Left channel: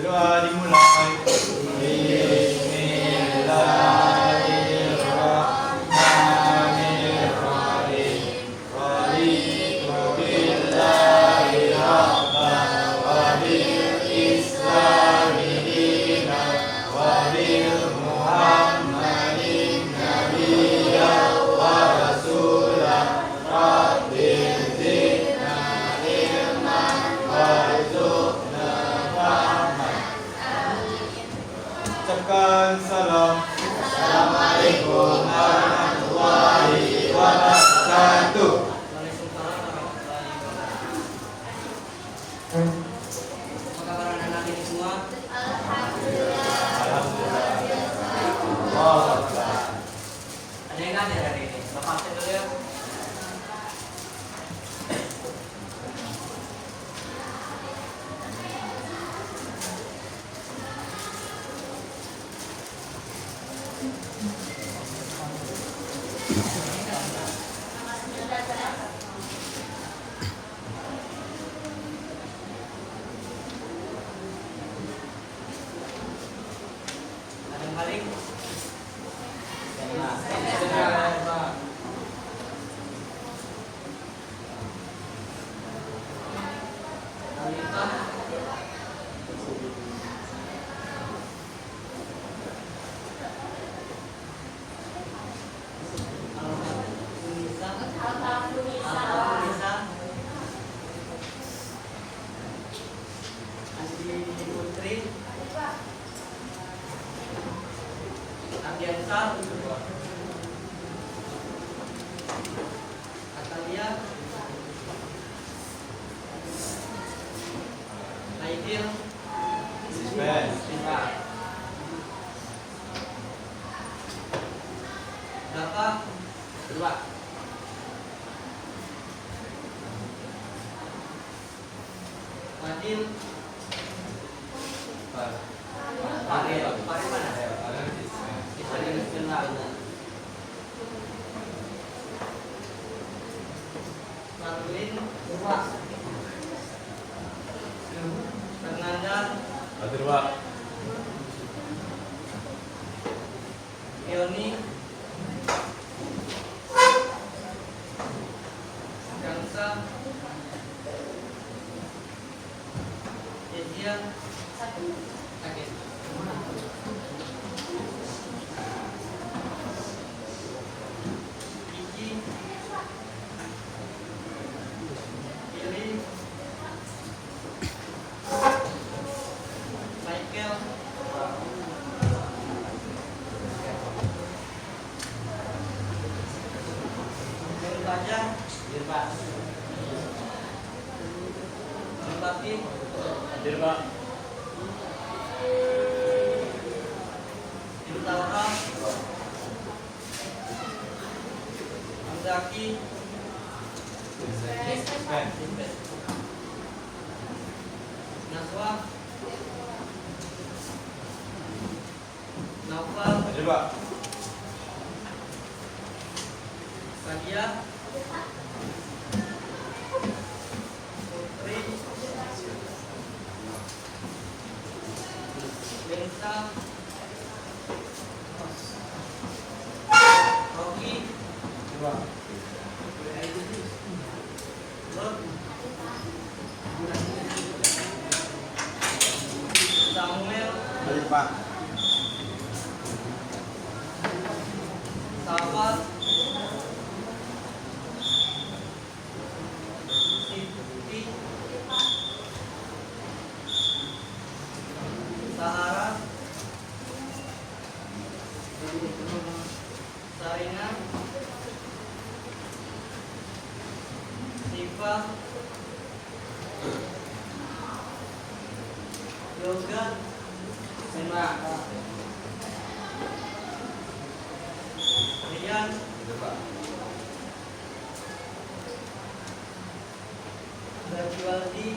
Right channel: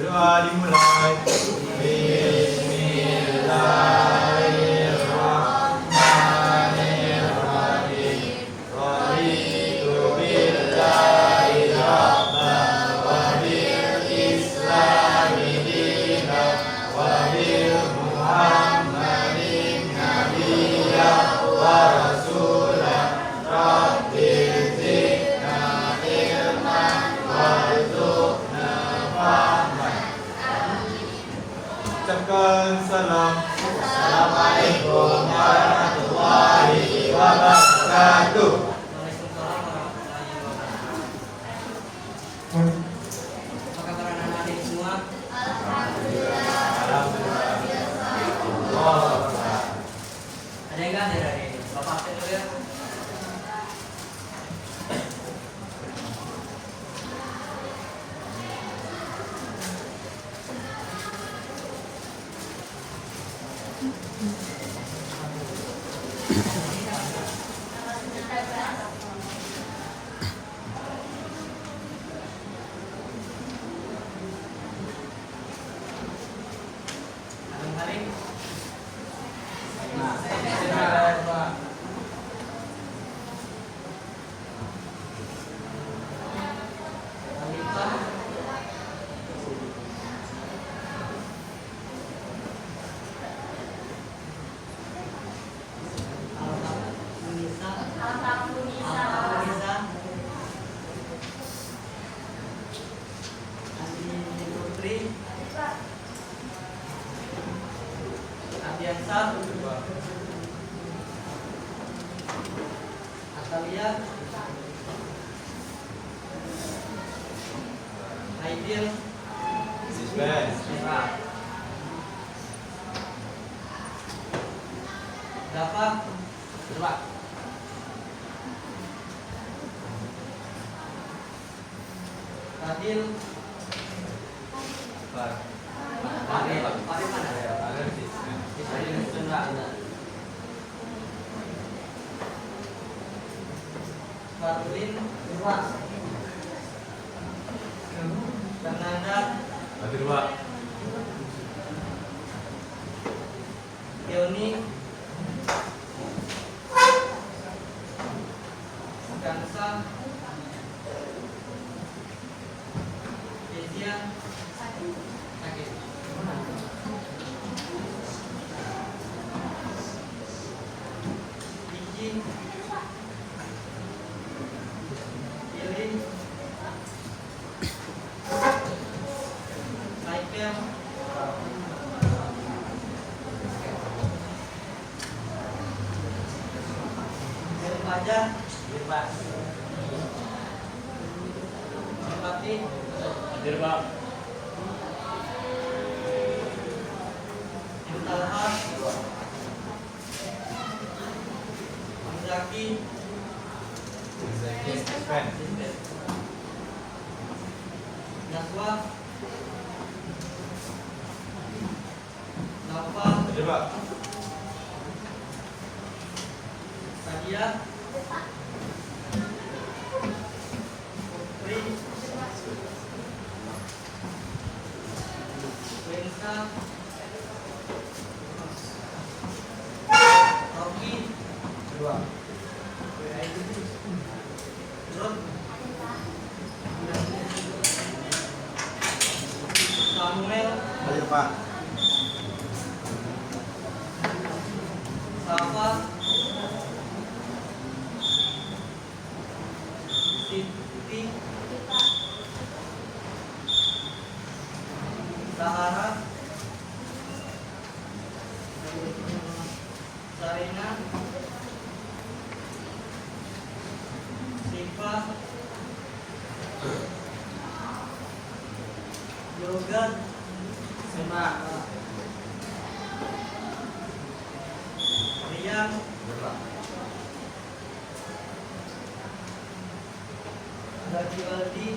Berdoa dimulai. Bismillahirrahmanirrahim. Raditu billahi rabban wa bil islami dinan wa bil Muhammadin nabiyyan wa rasulan. Rabbi zidna ilman warzuqna fahman. Ucapkan salam. Assalamualaikum warahmatullahi wabarakatuh. Apa kabar anak-anak ini semua? Ada yang nggak ada dari ini? Bapak absen dulu ya. Ada yang balik? Wanita? Alhamdulillah. Andi Putri. Adiansa. Atalia. Aidil. Dapat. Fadil. Fadil mana? Fadil sebentar. Fadlin. Fernanda. Yoni. Gangsa. Kezia. Iji. Ilin. Michael. Fajar. Melati. Talha. Zaki. Naswa. Naufal. Sadia. Putri. Wensa. Rocky. Lot. Samuel. Safar. Siti. Sahara. Sarina. Siva. Yoga. Rian. Bajiwaldi.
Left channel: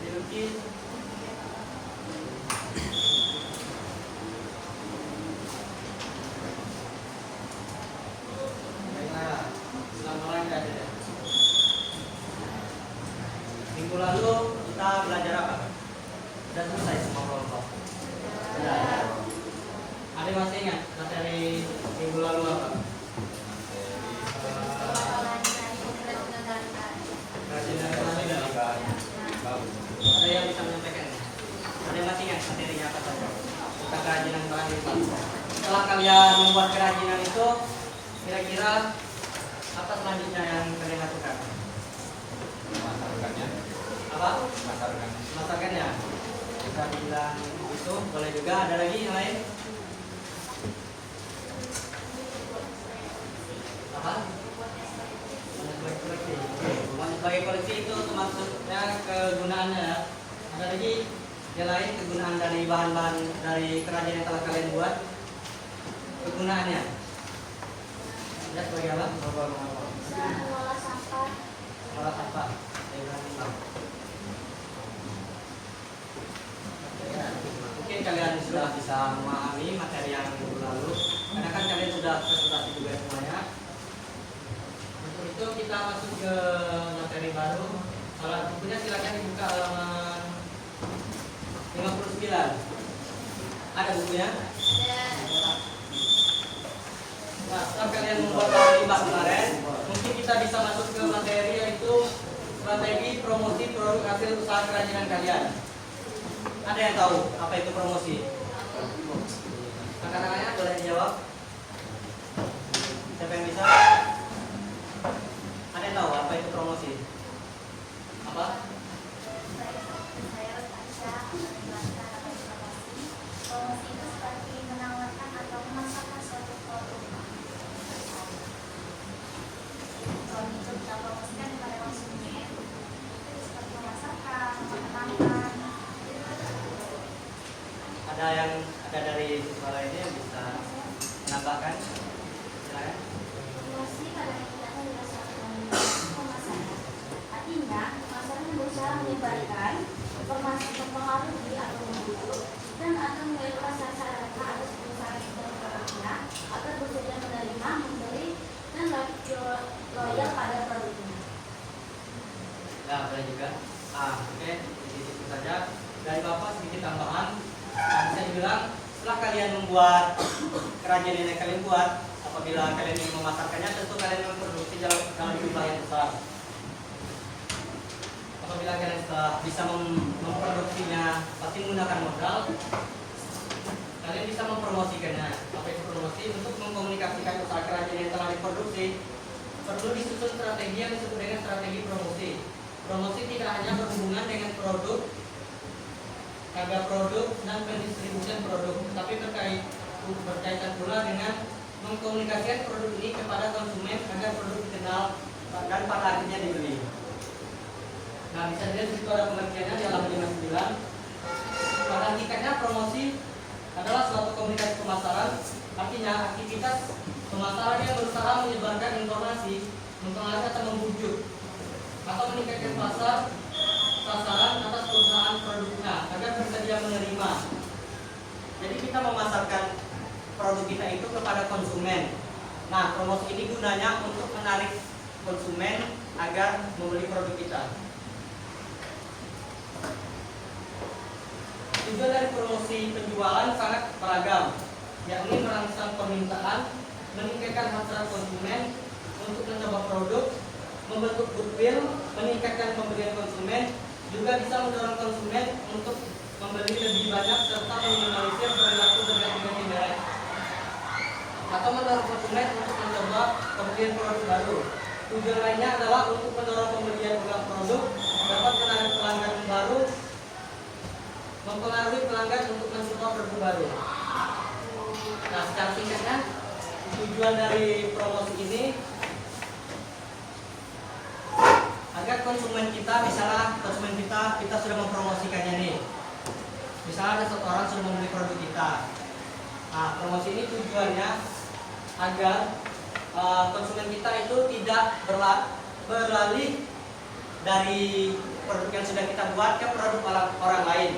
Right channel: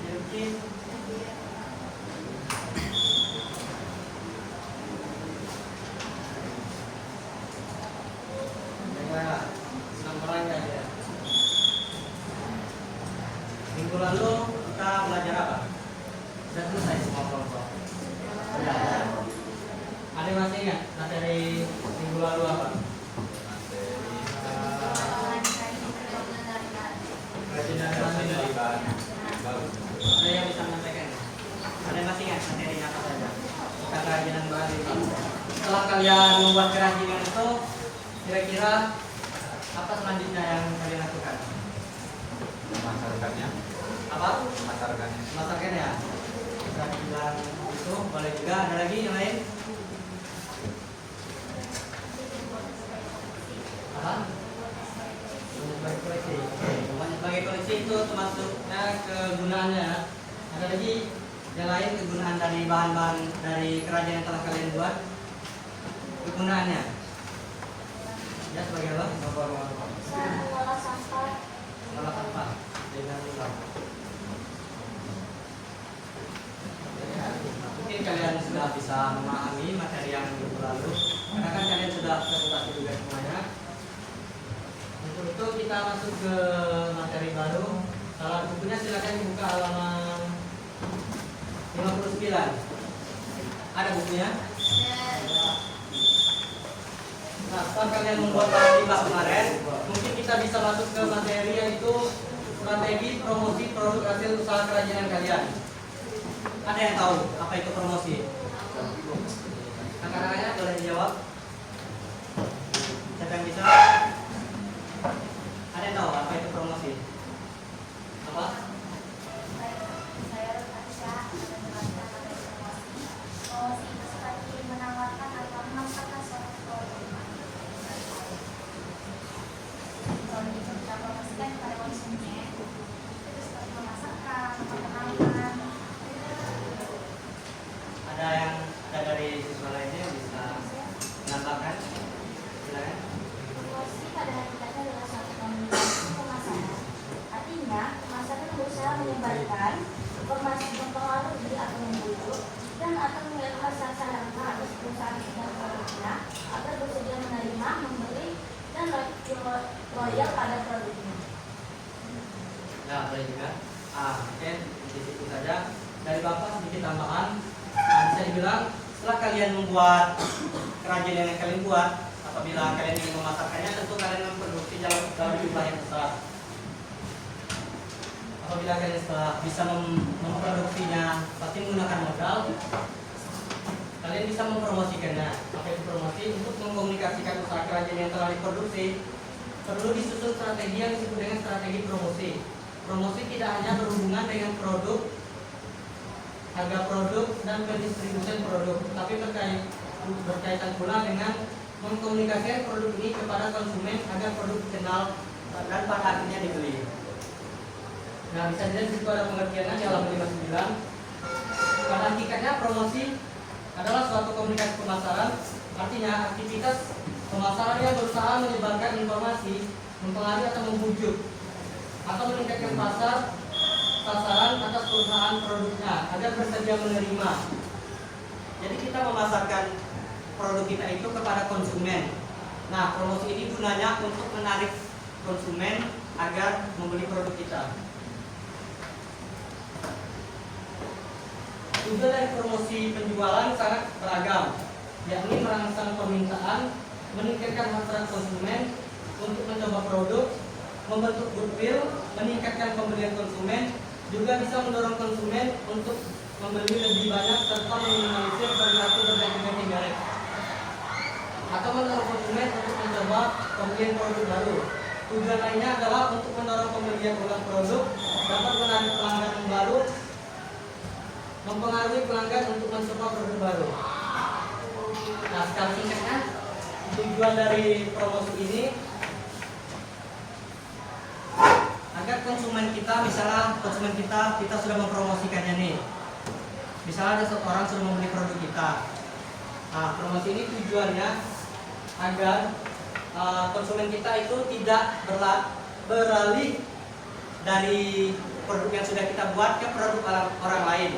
Bilkis. Minggu lalu kita belajar apa? Sudah selesai semua kelompok. Sudah. Ada yang masih ingat materi minggu lalu apa? Kerajinan kerajinan. Ada yang bisa menyampaikan? Ada yang masih ingat materinya apa saja? Kita kerajinan bahan. Setelah kalian membuat kerajinan itu, kira-kira apa selanjutnya yang kalian lakukan? Memasarkannya. Apa? Memasarkannya. Masaknya. Sudah dibilang itu, boleh juga. Ada lagi yang lain? Apa? Hanya sebagai koleksi. Oke, hanya sebagai koleksi itu termasuknya kegunaannya. Ada lagi yang lain kegunaan dari bahan-bahan dari kerajinan yang telah kalian buat? Kegunaannya? Ya sebagai apa? Mengolah sampah. Mengolah sampah. Mungkin kalian sudah bisa memahami materi yang minggu lalu, karena kan kalian sudah presentasi juga semuanya. Untuk itu kita masuk ke materi baru. Kalau bukunya silakan dibuka halaman 59. Ada bukunya? Nah, setelah kalian membuat bahan limbah kemarin, mungkin kita bisa masuk ke materi yaitu strategi promosi produk hasil usaha kerajinan kalian. Ada yang tahu apa itu promosi? Angkat-angkatnya boleh dijawab. Siapa yang bisa? Ada yang tahu apa itu promosi? Apa? Promosi itu seperti menawarkan atau memasarkan suatu produk. Kalau itu kita promosikan kepada konsumen, itu seperti memasarkan, memperkenalkan. Ada dari siswa lainnya yang bisa menambahkan? Silakan. Promosi pada hakikatnya adalah suatu pemasaran. Artinya, pemasaran berusaha menyebarkan informasi mempengaruhi atau membujuk dan atau mengalirkan sasarannya atas perusahaan dan produknya agar bersedia menerima, membeli, dan loyal pada produknya. Nah, boleh juga. Oke, di situ saja. Dari Bapak sedikit tambahan. Saya bilang, setelah kalian membuat kerajinan yang kalian buat, apabila kalian ingin memasarkannya, tentu kalian memproduksi dalam jumlah yang besar. Apabila kalian setelah bisa memproduksinya, pasti menggunakan modal, kalian bisa mempromosikannya. Apa itu promosi? Untuk mengkomunikasikan usaha kerajinan yang telah diproduksi, perlu disusun strategi yang disebut dengan strategi promosi. Promosi tidak hanya berhubungan dengan produk, harga produk, dan pendistribusian produk, tapi berkaitan pula dengan mengkomunikasikan produk ini kepada konsumen agar produk dikenal dan pada akhirnya dibeli. Nah, bisa dilihat di pada pengertiannya di halaman 59. Pada hakikatnya promosi adalah suatu komunikasi pemasaran, artinya aktivitas pemasaran yang berusaha menyebarkan informasi, mempengaruhi atau membujuk, atau meningkatkan pasar sasaran atas perusahaan produknya agar bersedia menerima. Jadi kita memasarkan produk kita itu kepada konsumen. Nah, promosi ini gunanya untuk menarik konsumen agar membeli produk kita. Tujuan dari promosi penjualan sangat beragam, yakni merangsang permintaan, meningkatkan hasrat konsumen untuk mencoba produk, membentuk goodwill, meningkatkan pembelian konsumen, juga bisa mendorong konsumen untuk membeli lebih banyak serta meminimalisir perilaku bergantian indirect, atau mendorong konsumen untuk mencoba pembelian produk baru. Tujuan lainnya adalah untuk mendorong pembelian ulang produk, dapat menarik pelanggan baru, mempengaruhi pelanggan untuk mensupport produk baru. Nah, secara singkatnya, tujuan dari promosi ini agar konsumen kita, misalnya konsumen kita sudah mempromosikannya nih. Misalnya ada seorang sudah membeli produk kita. Nah, promosi ini tujuannya agar konsumen kita itu tidak beralih dari produk yang sudah kita buat ke produk orang lain.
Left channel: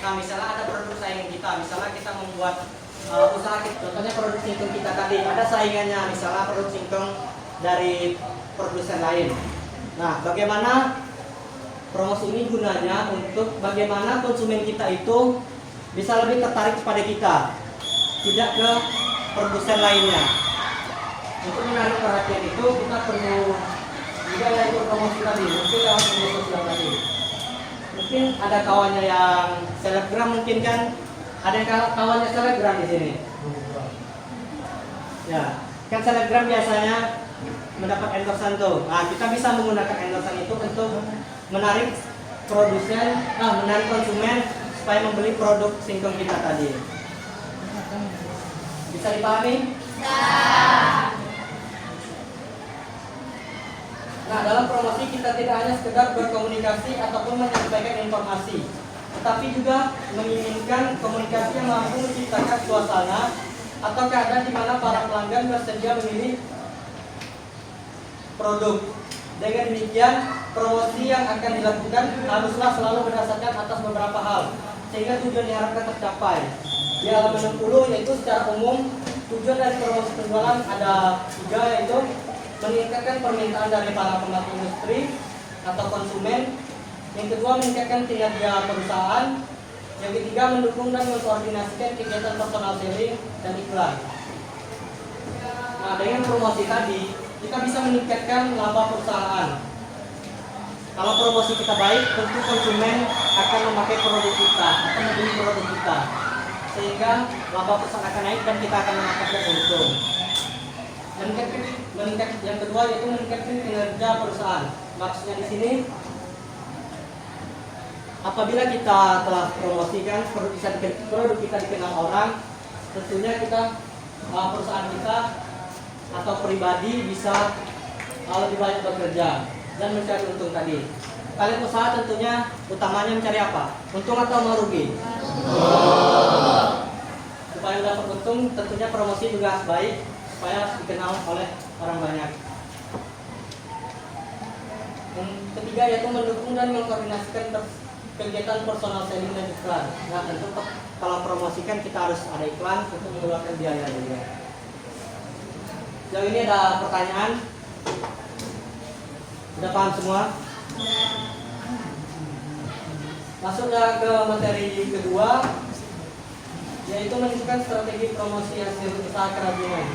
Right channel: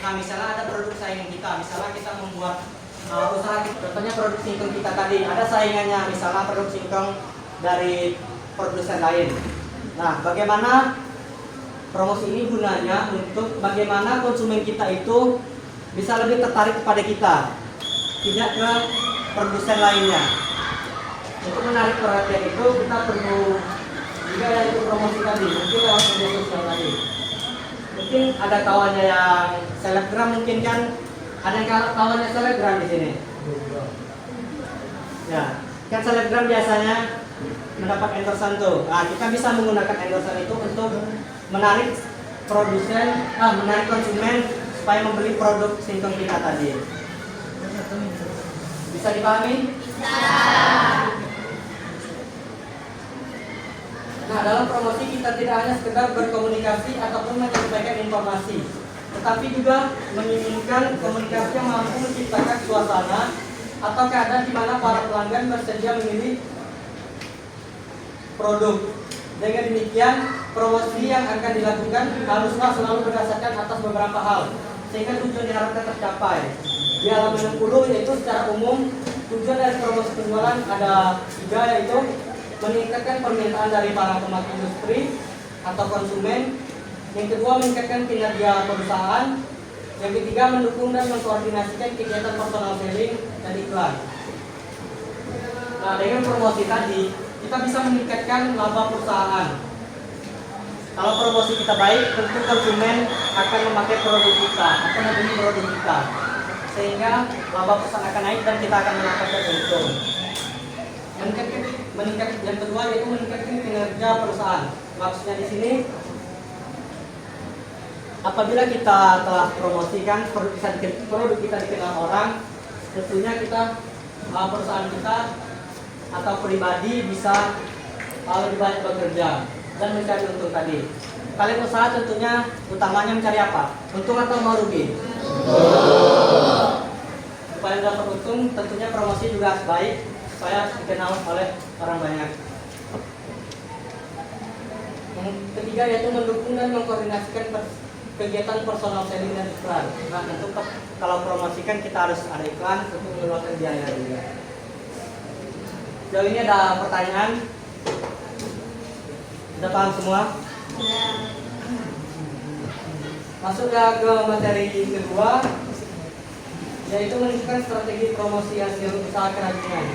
Nah, misalnya ada produk saingan kita, misalnya kita membuat usaha kita, contohnya produk singkong kita tadi, ada saingannya, misalnya produk singkong dari produsen lain. Nah, bagaimana promosi ini gunanya untuk bagaimana konsumen kita itu bisa lebih tertarik kepada kita, tidak ke produsen lainnya. Untuk menarik perhatian itu kita perlu juga yaitu promosi tadi, mungkin lewat media sosial tadi. Mungkin ada kawannya yang selebgram, mungkin kan ada yang kawannya selebgram di sini. Ya, kan selebgram biasanya mendapat endorsan tuh. Nah, kita bisa menggunakan endorsan itu untuk menarik menarik konsumen supaya membeli produk singkong kita tadi. Bisa dipahami? Nah, dalam promosi kita tidak hanya sekedar berkomunikasi ataupun menyampaikan informasi, tetapi juga menginginkan komunikasi yang mampu menciptakan suasana atau keadaan di mana para pelanggan bersedia memilih produk. Dengan demikian, promosi yang akan dilakukan haruslah selalu berdasarkan atas beberapa hal, sehingga tujuan diharapkan tercapai. Di halaman 60 yaitu secara umum, tujuan dari promosi penjualan ada 3, yaitu meningkatkan permintaan dari para pemakai industri atau konsumen. Yang kedua, meningkatkan kinerja perusahaan. Yang ketiga, mendukung dan mengkoordinasikan kegiatan personal selling dan iklan. Nah, dengan promosi tadi, kita bisa meningkatkan laba perusahaan. Kalau promosi kita baik, tentu konsumen akan memakai produk kita, akan membeli produk kita, sehingga laba perusahaan akan naik dan kita akan mendapatkan untung. Meningkatkan yang kedua yaitu meningkatkan kinerja perusahaan. Maksudnya di sini, apabila kita telah promosikan produk kita dikenal orang, tentunya perusahaan kita atau pribadi bisa lebih banyak bekerja dan mencari untung tadi. Kalian usaha tentunya utamanya mencari apa? Untung atau mau rugi? Supaya dapat untung, tentunya promosi juga harus baik supaya dikenal oleh orang banyak. Yang ketiga yaitu mendukung dan mengkoordinasikan kegiatan personal selling dan iklan. Nah, tentu kalau promosikan kita harus ada iklan untuk mengeluarkan biaya juga. Sejauh ini ada pertanyaan? Sudah paham semua? Masuk ya ke materi kedua, yaitu menentukan strategi promosi hasil usaha kerajinan.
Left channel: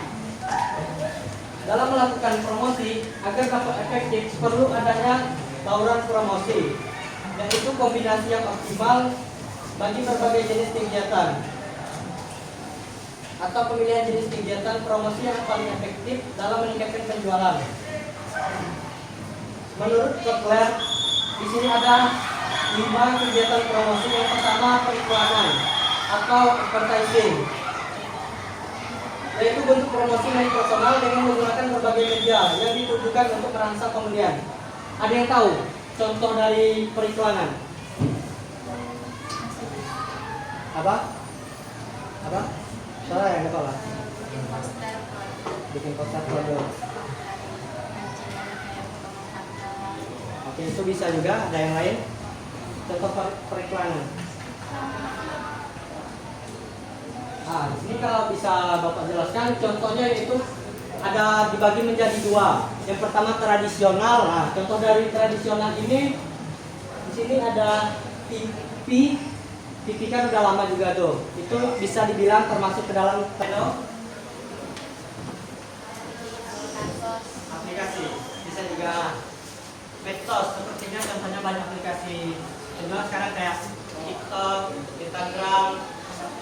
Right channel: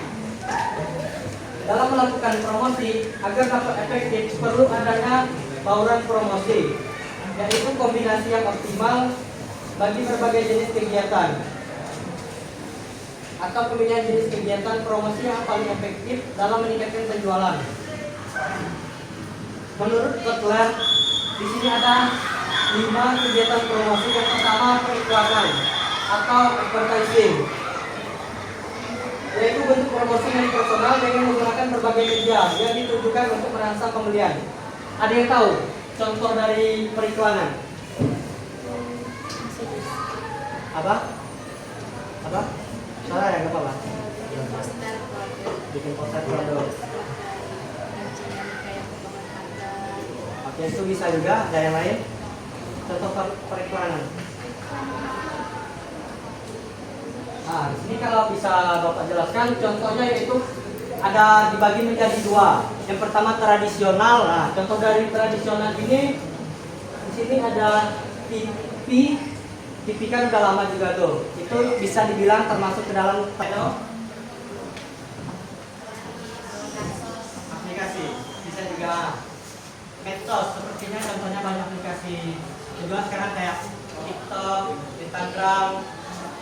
Dalam melakukan promosi agar dapat efektif perlu adanya bauran promosi, yaitu kombinasi yang optimal bagi berbagai jenis kegiatan atau pemilihan jenis kegiatan promosi yang paling efektif dalam meningkatkan penjualan. Menurut Kepler, di sini ada 5 kegiatan promosi. Yang pertama, periklanan atau advertising, yaitu bentuk promosi yang personal dengan menggunakan berbagai media yang ditujukan untuk merangsang pembelian. Ada yang tahu contoh dari periklanan? Apa? Salah ya, apa lah? Bikin poster produk. Oke, itu bisa juga. Ada yang lain? Contoh periklanan. Nah, ini kalau bisa Bapak jelaskan, contohnya yaitu ada dibagi menjadi 2. Yang pertama tradisional. Nah, contoh dari tradisional ini, di sini ada TV. TV kan udah lama juga tuh. Itu bisa dibilang termasuk ke dalam aplikasi. Bisa juga medsos. Sepertinya contohnya banyak aplikasi. Juga sekarang kayak TikTok, Instagram,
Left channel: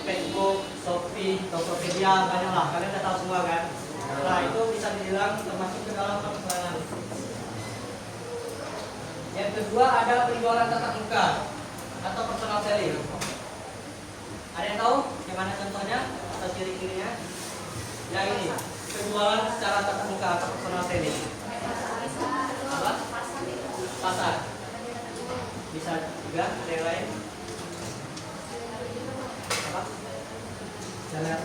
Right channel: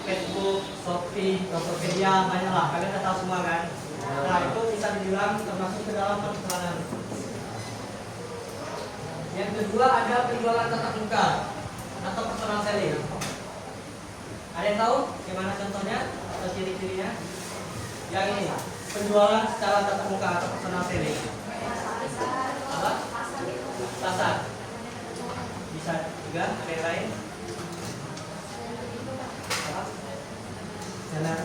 Facebook, Shopee, Tokopedia, banyak lah. Kalian udah tahu semua kan? Nah, itu bisa dibilang termasuk ke dalam periklanan. Yang kedua ada penjualan tatap muka atau personal selling. Ada yang tahu gimana contohnya atau ciri-cirinya? Yang ini, penjualan secara tatap muka atau personal selling. Apa? Pasar. Bisa juga, ada yang lain? Apa? Jalan.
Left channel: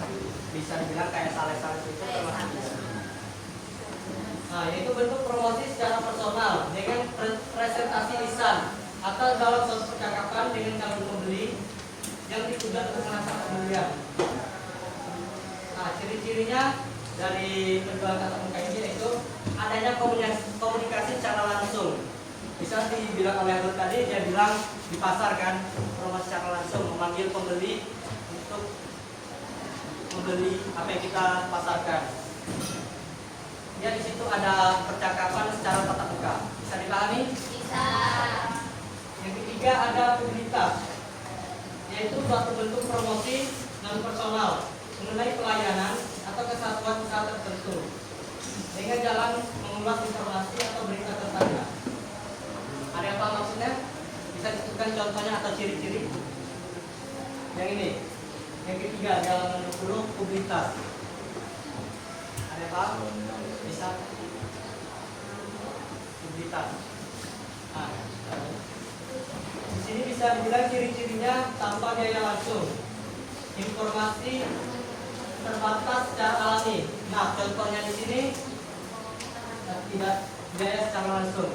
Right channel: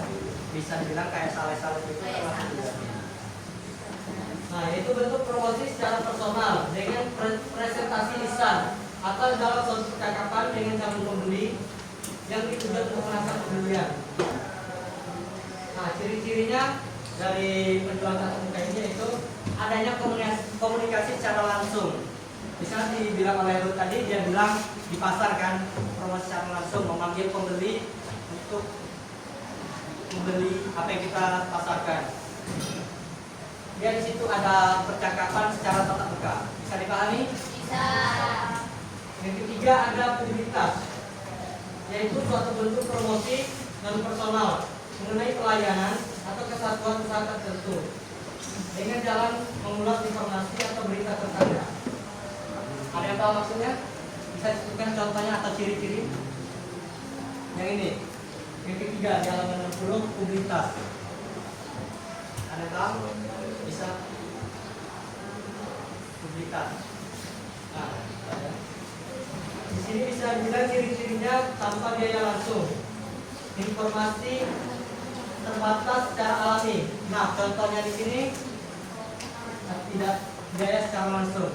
Bisa dibilang kayak sales-sales itu termasuk juga. Nah, yaitu bentuk promosi secara personal dengan presentasi lisan atau dalam suatu percakapan dengan calon pembeli yang ditujukan untuk menangkap pembelian. Nah, ciri-cirinya dari penjualan tatap muka ini yaitu adanya komunikasi secara langsung Bisa dibilang oleh Ruth tadi, dia bilang di pasar kan, promosi secara langsung memanggil pembeli untuk membeli apa yang kita pasarkan. Dia di situ ada percakapan secara tatap muka. Bisa dipahami? Bisa. Yang ketiga ada publisitas, yaitu suatu bentuk promosi non personal mengenai pelayanan atau kesatuan usaha tertentu dengan jalan mengulas informasi atau berita tersangka. Ada apa maksudnya? Bisa disebutkan contohnya atau ciri-ciri? Yang ini, yang ketiga di halaman 60, publisitas. Ada apa? Bisa publisitas. Nah, di sini bisa dibilang ciri-cirinya tanpa biaya langsung, informasi terbatas secara alami. Nah, contohnya di sini tidak biaya secara langsung.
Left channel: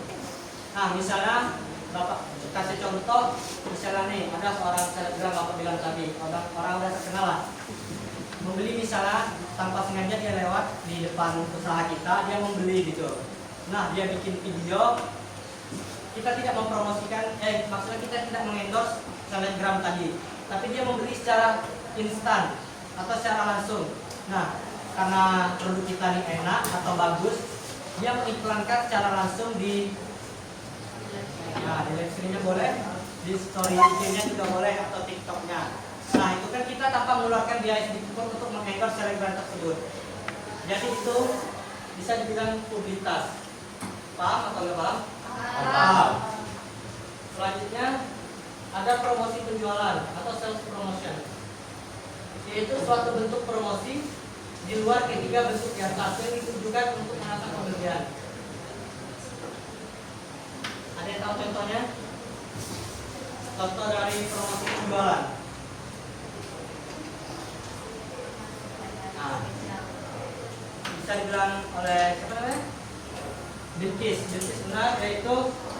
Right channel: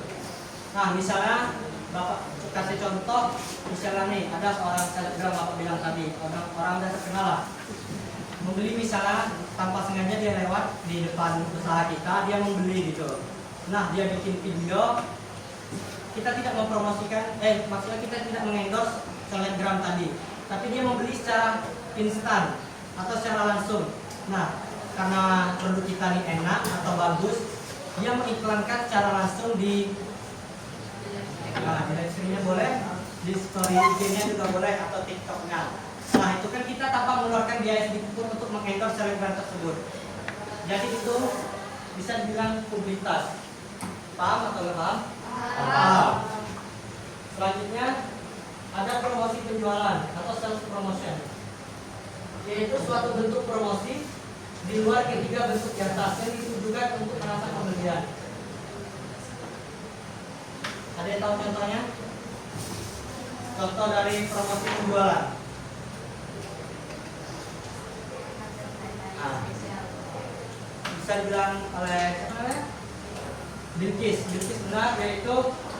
Nah, misalnya Bapak kasih contoh, misalnya nih ada seorang selebgram Bapak bilang tadi, orang udah terkenal lah, membeli misalnya tanpa sengaja dia lewat di depan usaha kita, dia membeli gitu. Nah, dia bikin video, kita tidak mempromosikan, maksudnya kita tidak mengendorse selebgram tadi, tapi dia membeli secara instan atau secara langsung. Nah, karena produk kita ini enak atau bagus, dia mengiklankan secara langsung di live streamnya boleh, di story IG-nya juga boleh, atau TikTok-nya. Nah, itu kan kita tanpa mengeluarkan biaya sedikit pun untuk mengekor selebgram tersebut. Jadi itu bisa dibilang publisitas. Paham atau nggak paham? Paham. Selanjutnya ada promosi penjualan atau sales promotion, yaitu suatu bentuk promosi di luar ketiga bentuk di atas yang ditujukan untuk menambah pembelian. Ada yang tahu contohnya? Contoh dari promosi penjualan. Nah, bisa dibilang oleh Bintis benar, yaitu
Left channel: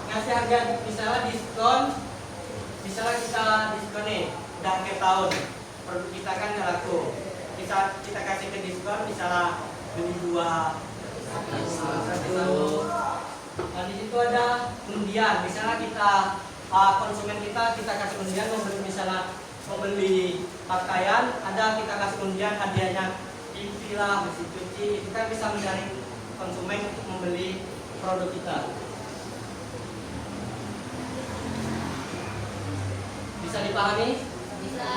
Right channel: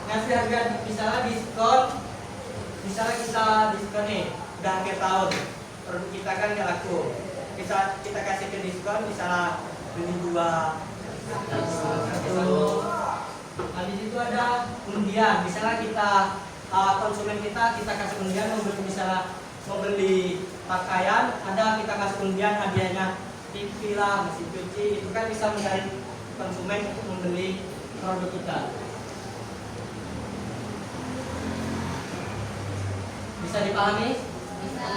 ngasih harga misalnya diskon, misalnya kita diskon nih, udah akhir tahun, produk kita kan nggak laku, bisa kita kasih ke diskon, misalnya beli 2 1. Nah, di situ ada undian, misalnya kita konsumen kita kasih undian membeli pakaian, ada kita kasih undian hadiahnya TV lah, mesin cuci, itu kan bisa menarik konsumen untuk membeli produk kita. Bisa dipahami? Bisa.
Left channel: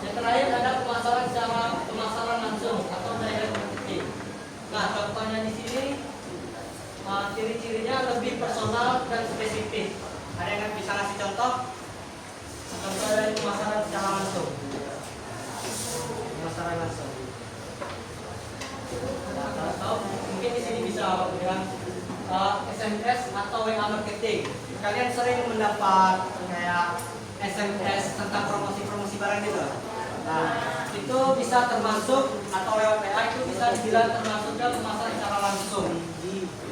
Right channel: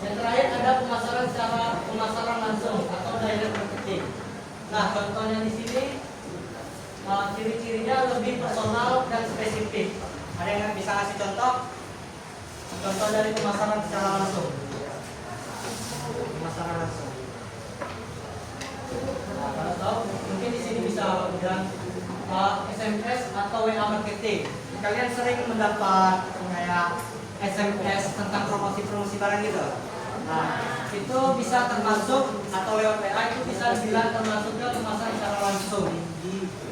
Yang terakhir ada pemasaran langsung atau direct marketing. Nah, contohnya di sini ciri-cirinya lebih personal dan spesifik. Ada yang bisa ngasih contoh? Contoh dari pemasaran secara langsung. Pemasaran langsung. Nah, kalau tahu, mungkin di sini bisa bilang SMS atau WA marketing. Kalian sering mendapat kayak SMS tentang promosi barang gitu. Nah, itu bisa termasuk, atau lewat WA itu bisa dibilang termasuknya pemasaran secara langsung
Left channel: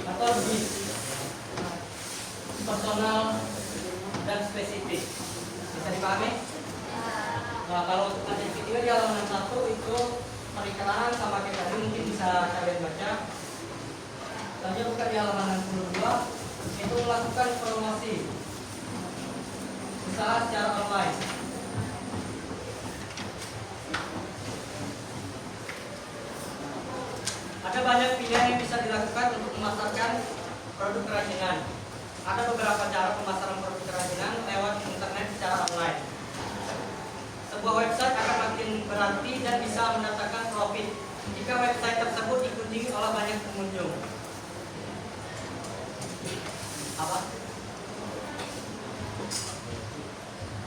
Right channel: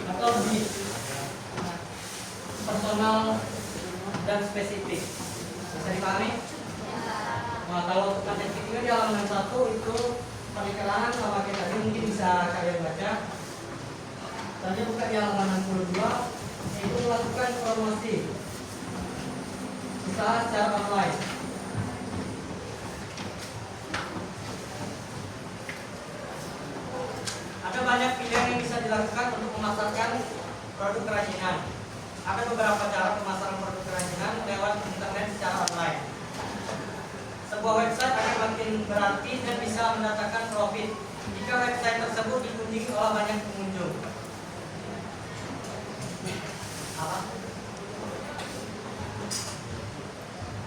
atau lebih personal dan spesifik. Bisa dipahami? Nah, kalau untuk materi video di halaman 1 itu penekanan sama kayak tadi, mungkin bisa kalian baca. Tadi buka di halaman 62, itu melakukan promosi usaha secara online. Ada banyak pilihan yang bisa dilakukan untuk memasarkan produk kerajinan. Ada beberapa cara pemasaran produk kerajinan lewat internet secara online. Sebuah website akan makin berarti dan bisa mendatangkan profit jika website tersebut dikunjungi oleh banyak pengunjung. Apa?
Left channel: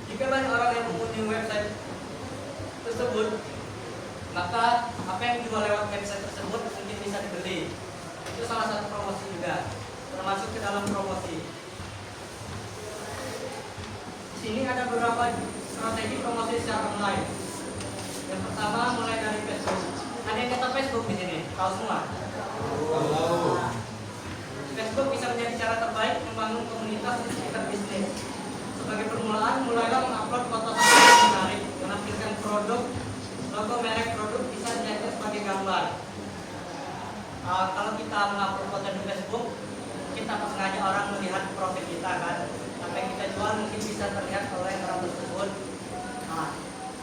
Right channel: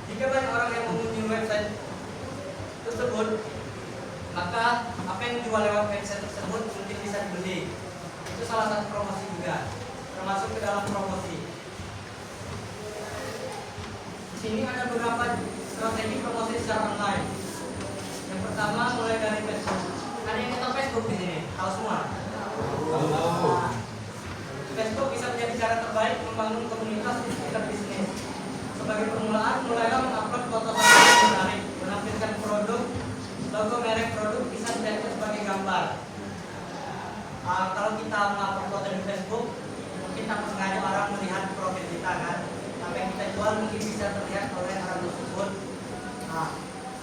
Jika banyak orang yang mengunjungi website tersebut, maka apa yang dijual lewat website tersebut mungkin bisa dibeli. Itu salah satu promosi juga, termasuk ke dalam promosi. Di sini ada beberapa strategi promosi secara online. Yang pertama mulai dari Facebook. Ada yang tahu Facebook di sini? Tahu semua? Facebook bisa menjadi cara terbaik membangun komunitas di sekitar bisnis. Sebagai permulaan, mulailah mengupload foto yang menarik, menampilkan produk, logo merek produk bisa dijadikan sebagai gambar. Kalau kita mengupload foto di Facebook, mungkin tanpa sengaja orang melihat profil luar mungkin bisa terlihat oleh orang tersebut. Nah,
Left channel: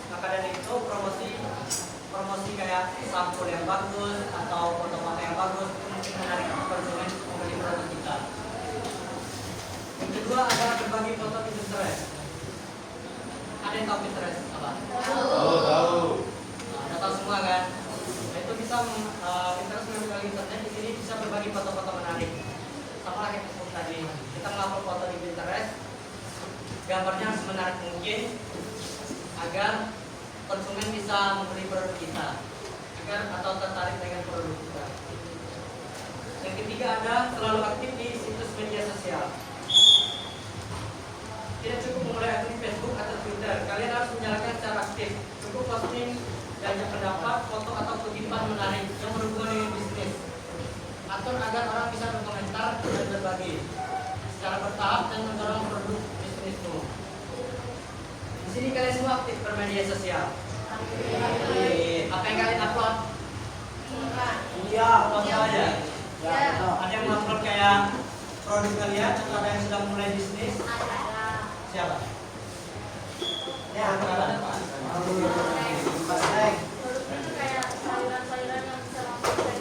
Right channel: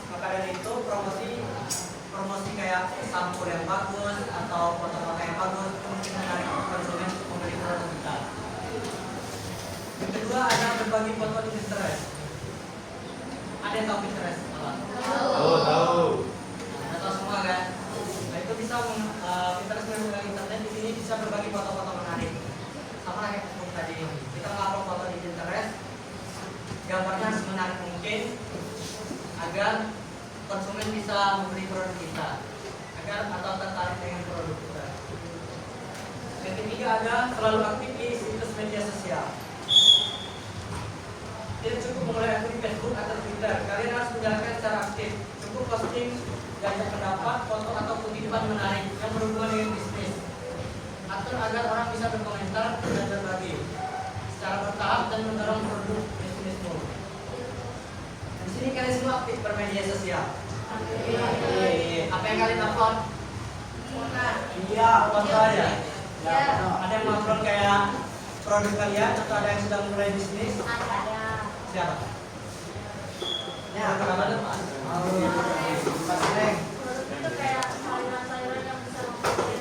maka dari itu promosi kayak sampul yang bagus atau foto-foto yang bagus itu mungkin menarik konsumen membeli produk kita. Yang kedua ada berbagi foto di Pinterest. Ada yang tahu Pinterest apa? Tahu. Nah, tahu semua kan? Nah itu bisa Pinterest melalui internet di sini bisa berbagi foto-foto menarik. Sama kayak Facebook tadi, kita mengupload foto di Pinterest, gambarnya harus menarik mungkin agar konsumen bisa membeli produk kita, atau tertarik dengan produk kita. Yang ketiga ada selalu aktif di situs media sosial. Tidak cukup memulai akun di Facebook atau Twitter, kalian harus menjalankan secara aktif. Cukup posting banyak pendapat, foto atau kutipan menarik yang berhubungan dengan bisnis. Atur agar orang bisa berkomentar dan berbagi secara bertahap dan mendorong produk bisnismu. Di sini kalian semua aktif bermedia sosial. Apa yang kalian upload? Iya, apa saja. Ya, ada yang upload kayak produk kalian atau ada yang sudah mulai bisnis? Siapa? Ya, apa? Produk itu kayak sayuran-sayuran yang bisa masuk ke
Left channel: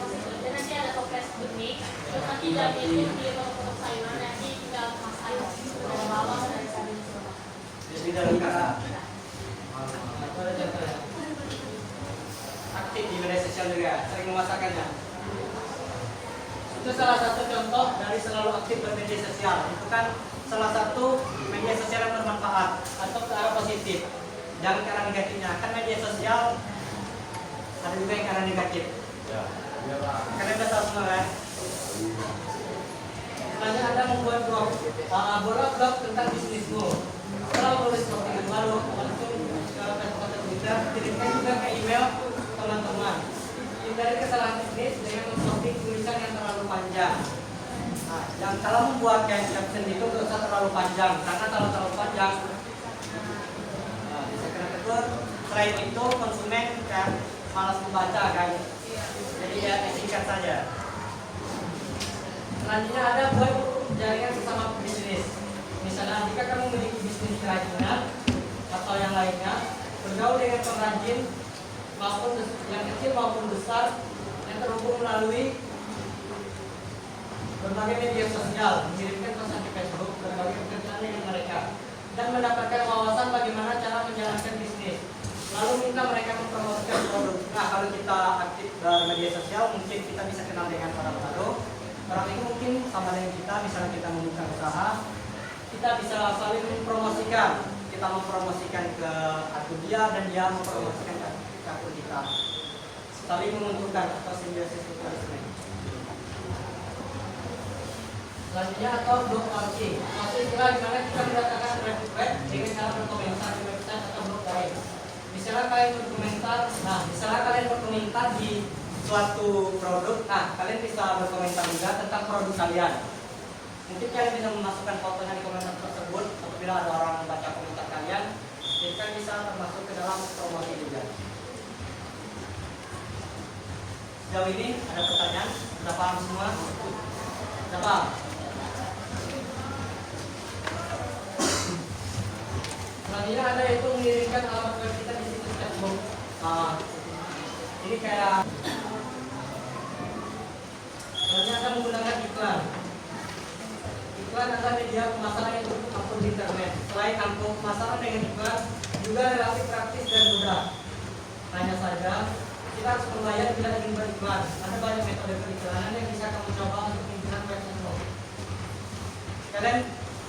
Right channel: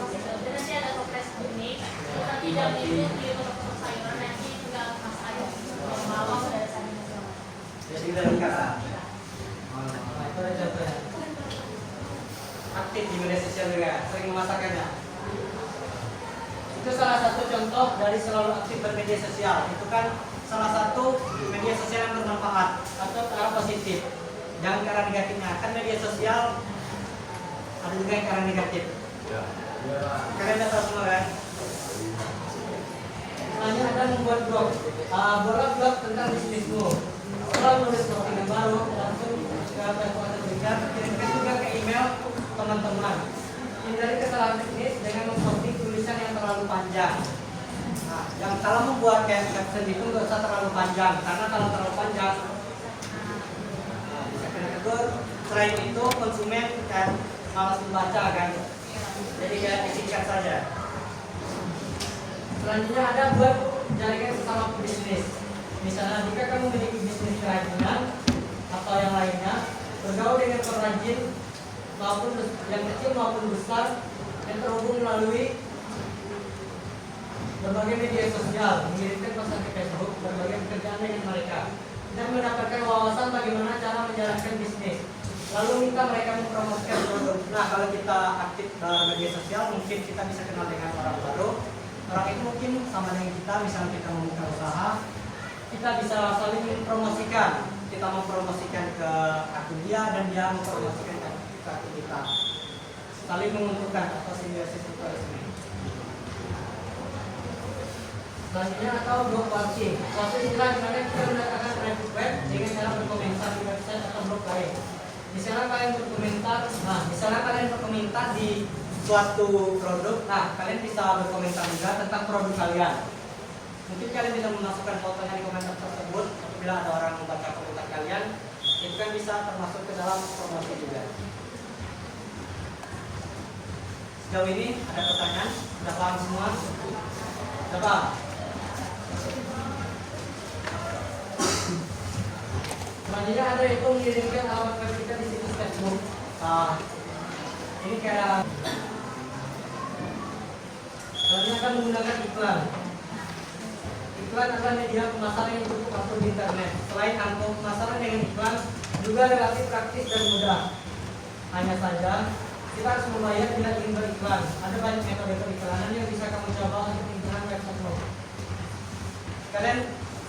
dan nanti ada toples benih. Nanti dalam itu di toko sayuran nanti tinggal masak bawang ada sayuran semua. Jadi dari kata itu ada contohnya. Aktif di media sosial juga, sering memasarkannya. Itu salah satu contoh dari selalu aktif bermedia sosial. Itu kan salah satu media sosial yang bermanfaat atau ke arah positif. Jangan ke arah negatifnya. Kan media sosial ada juga yang ke arah negatif. Kalian udah tahu semua kan? Selanjutnya ada membuat blog tentang bisnismu. Kalau menulis postingan baru, langsung ke Facebook atau Twitter, kirimkan juga ke email teman-teman. Hindari kesalahan teknis dengan memposting tulisan yang terlalu panjang. Nah, yang kalau membuat kayak caption itu nggak usah terlalu panjang, karena kalau terlalu panjang bisa kena tegur. Selain itu konsumen kan malas membaca kan, jadi ya disingkat saja. Selanjutnya ada buat jaringan sesama bisnis. Misalnya jika kamu memiliki bisnis kerajinan atau yang lainnya, bergaul dengan pengrajin maupun yang kecil maupun besar yang terhubung melalui berbagai media sosial, mengirimkan pesan ke Facebook, berbagai pekerjaan dengan mereka, dan mendapatkan wawasan bagaimana cara menjalankan bisnis. Lalu minta mereka mempromosikan produk. Nah, kalau kita aktif media sosial, mungkin kita bisa kenal dengan orang baru. Orang itu mungkin sama dengan kita, misalnya kita membuka usaha, kita bisa saling mempromosikan. Kita mempromosikan ke akun dia dan dia mempromosikan ke akun kita. Saling menguntungkan atau simbiosis mutualisme. Selanjutnya atau blog walking. Suatu istilah di mana kita mendatangkan traffic web dengan cara berkomentar di website atau blog lain. Misalnya kalian berkomentar di suatu produk, nah kalian bisa berkomentar juga tentang produk kalian. Mungkin kalian bisa memasukkan fotonya di komentar tersebut. Apabila ada orang membaca komentar kalian, itu kan bisa termasuk ke dalam promosi juga. Sejauh ini ada pertanyaan? Sudah paham semua? Sudah paham? Selanjutnya ada itu mengirimkan alamat web kita di situs Facebook. Ini kayak selanjutnya akan menggunakan iklan. Iklan adalah media pemasaran yang cukup ampuh di internet. Selain ampuh, pemasaran dengan iklan juga relatif praktis dan mudah. Hanya saja kita harus membayar bila ingin beriklan. Ada banyak metode periklanan yang bisa kamu coba untuk pimpinan website. Kalian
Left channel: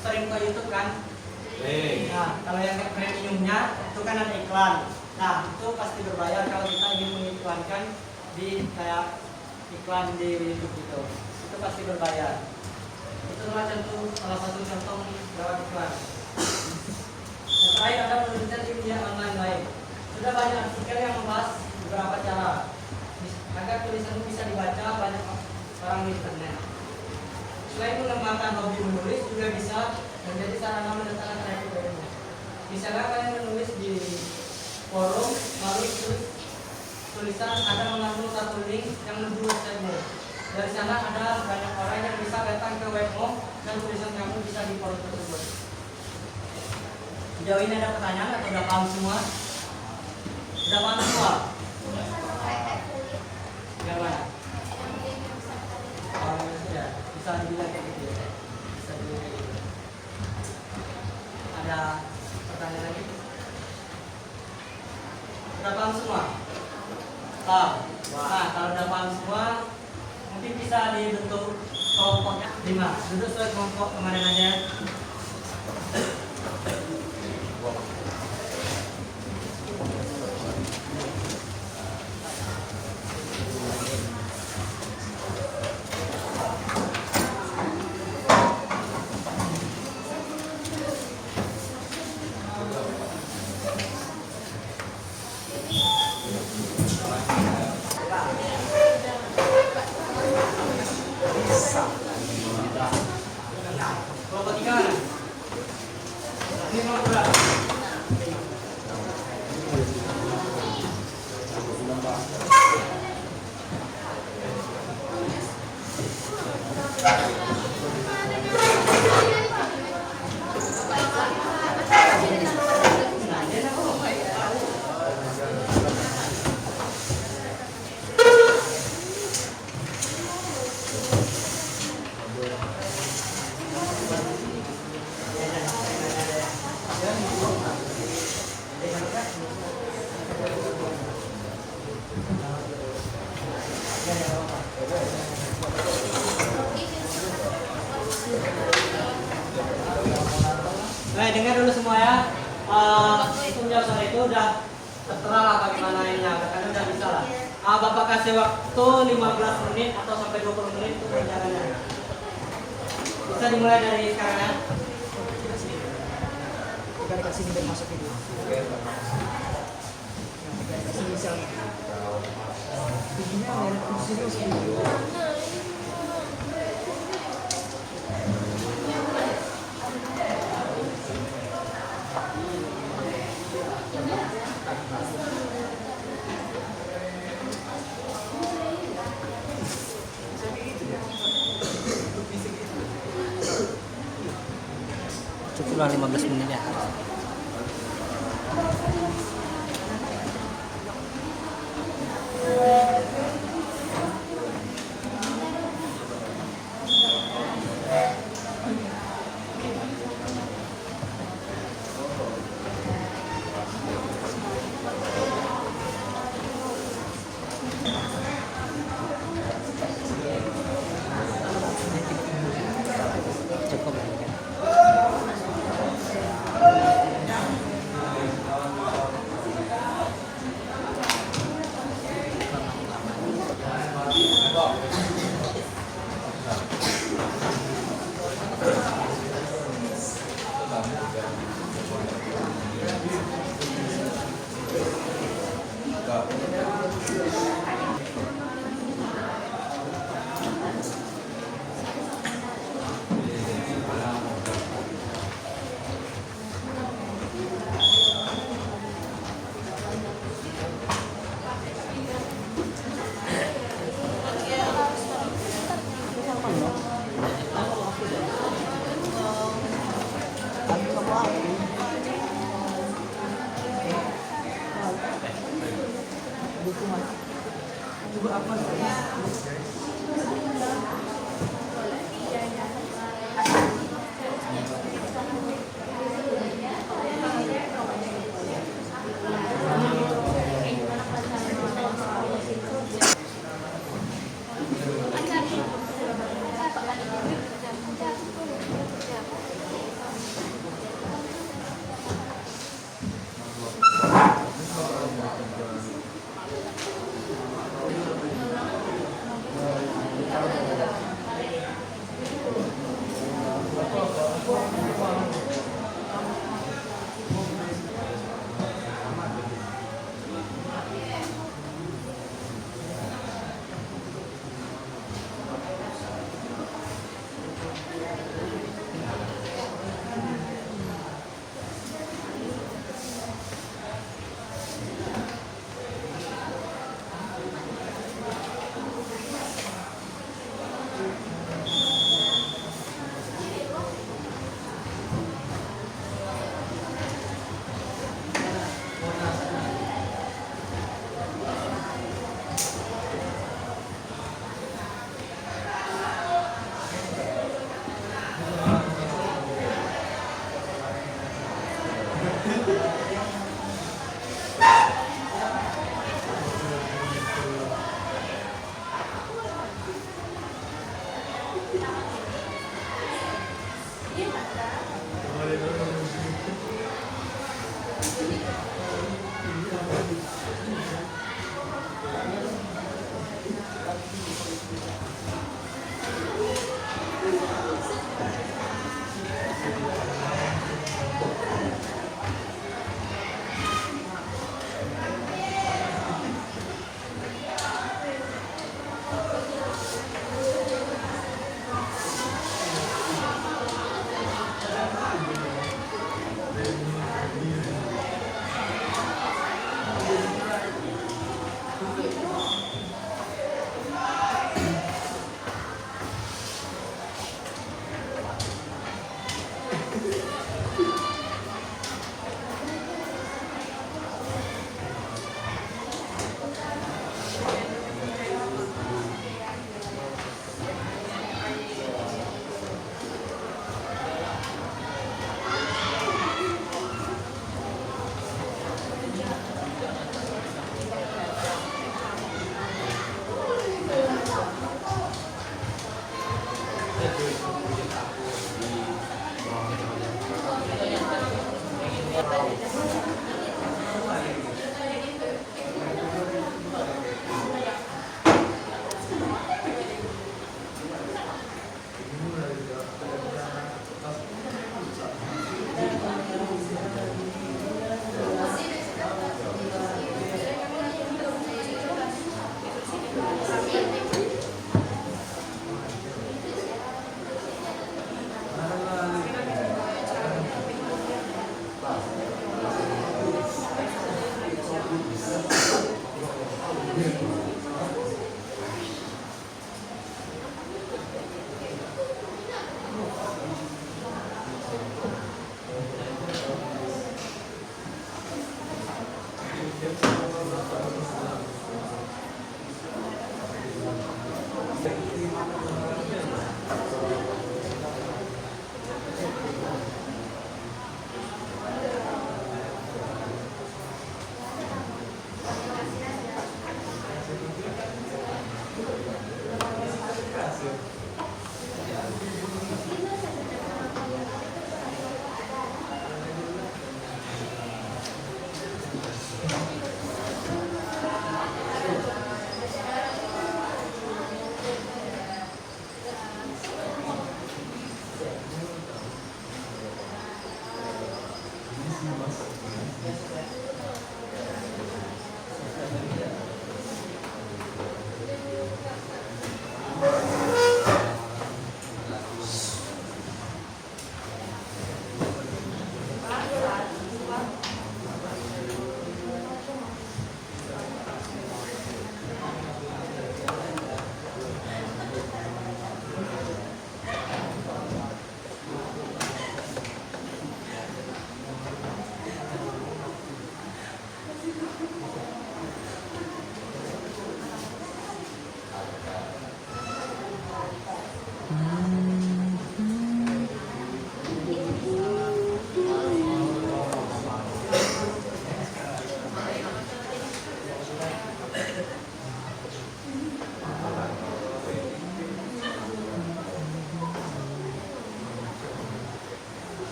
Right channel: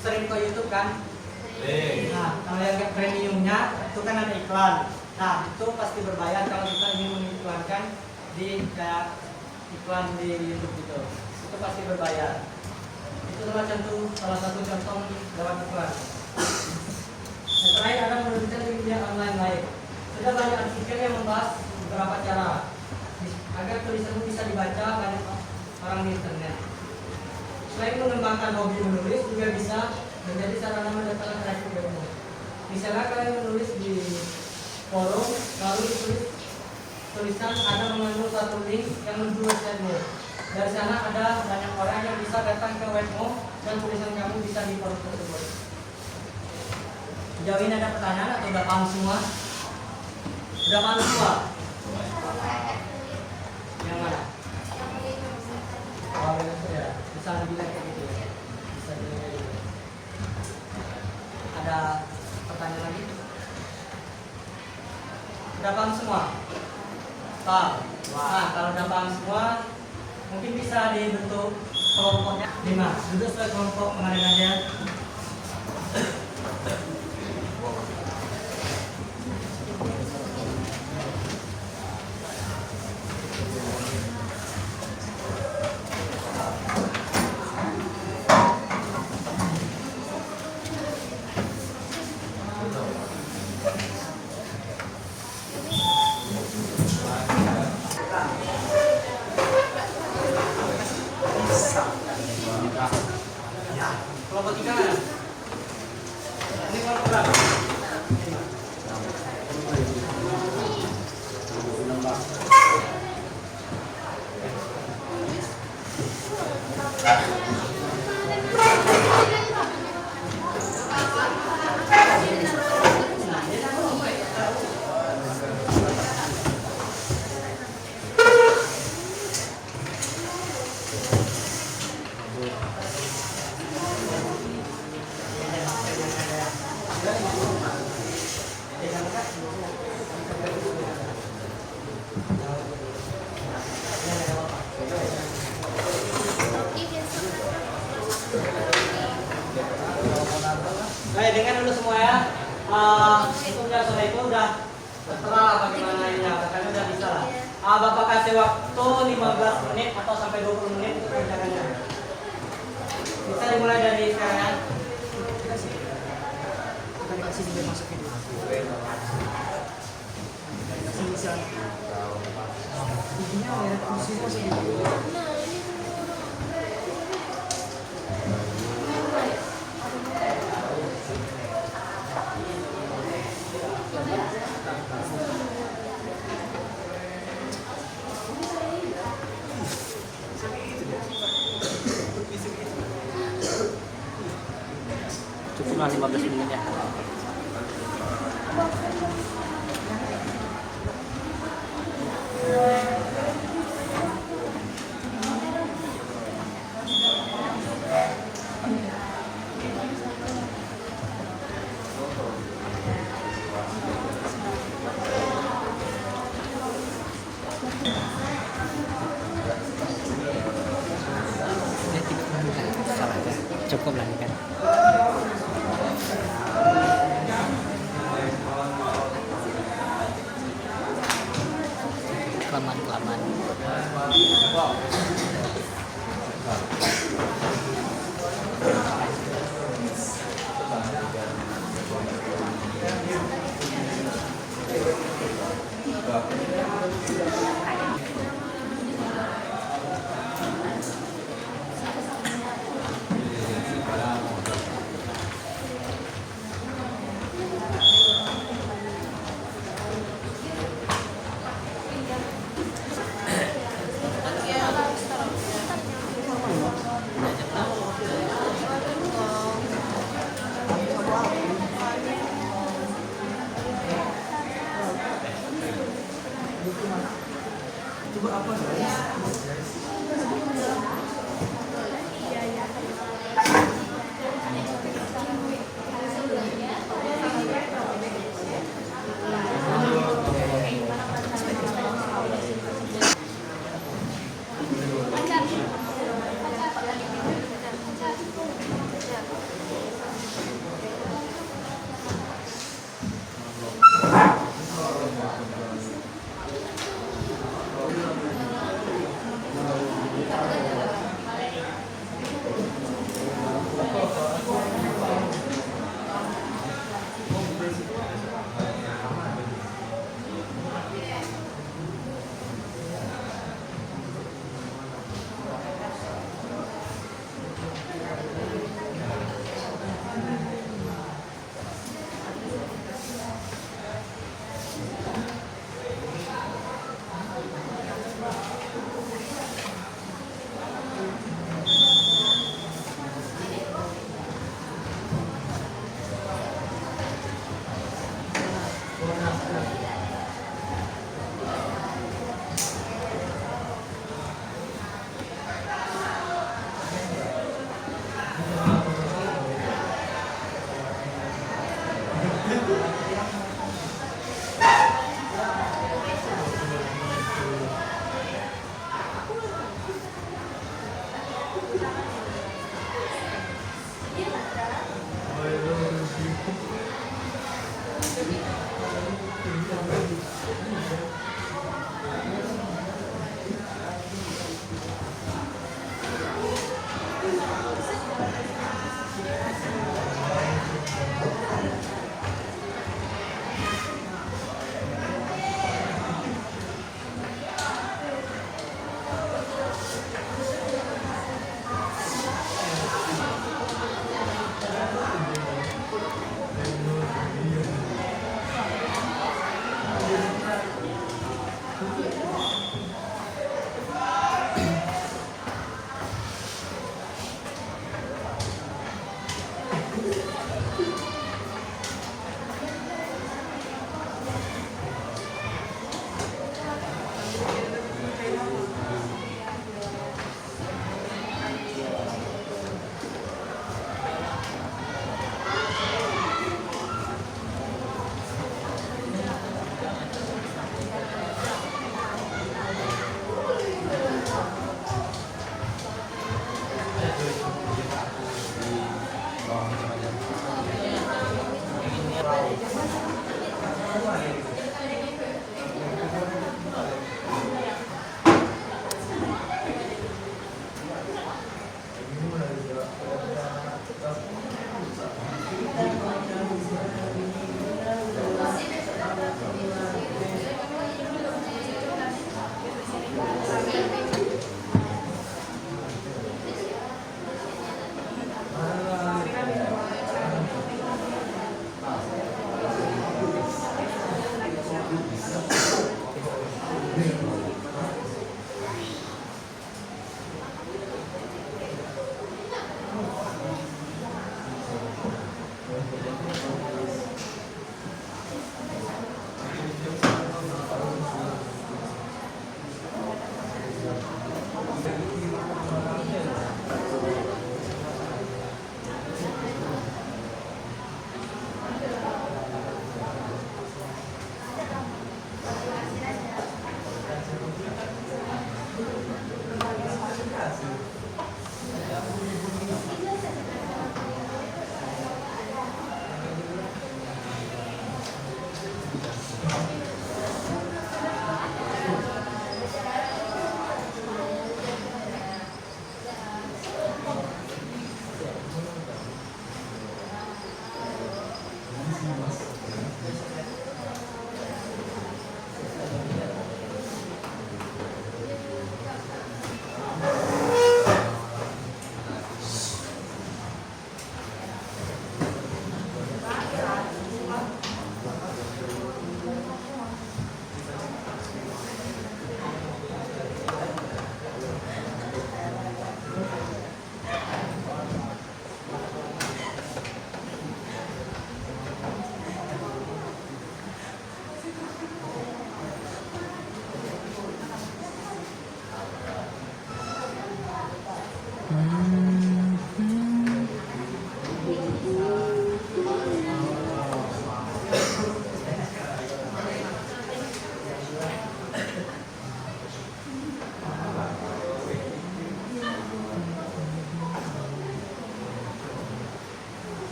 sering ke YouTube kan? Nah, kalau yang premiumnya itu kan ada iklan. Nah, itu pasti berbayar kalau kita ingin mengiklankan di kayak iklan di YouTube gitu. Itu pasti berbayar. Itu adalah salah satu contoh dalam iklan. Setelah ada menuliskan di media online lain. Sudah banyak artikel yang membahas beberapa cara agar tulisanmu bisa dibaca banyak orang di internet. Selain mengembangkan hobi menulis, juga bisa menjadi sarana mendatangkan traffic baru. Misalnya kalian menulis di forum, lalu tulisan ada mengandung satu link yang menuju websitemu. Dari sana ada banyak orang yang bisa datang ke webmu dan tulisan kamu bisa di forum tersebut. Sejauh ini ada pertanyaan atau udah paham semua? Udah paham semua? Yang mana? Oh, itu ya. Bisa dibilang kayak gitu ya. Bisa dibilang kayak gitu. Ada pertanyaan lagi? Udah paham semua? Paham? Nah, kalau udah paham semua, mungkin bisa dibentuk kelompoknya 5. Duduk sesuai kelompok kemarin aja. Kelompok 3 mana? Ini kelompok berapa? 5. Dengar dulu semua ya. Itu udah sore itu udah tertera lah bagaimana ininya, kan udah bisa lah. Bapak kasih waktu 15 menit atau sampai 20 menit untuk rencananya. Bisa dimulai dari sekarang ya. Kita dikasih video masuk video. Cukuplah 15 menitnya. Cukup lah ya kan.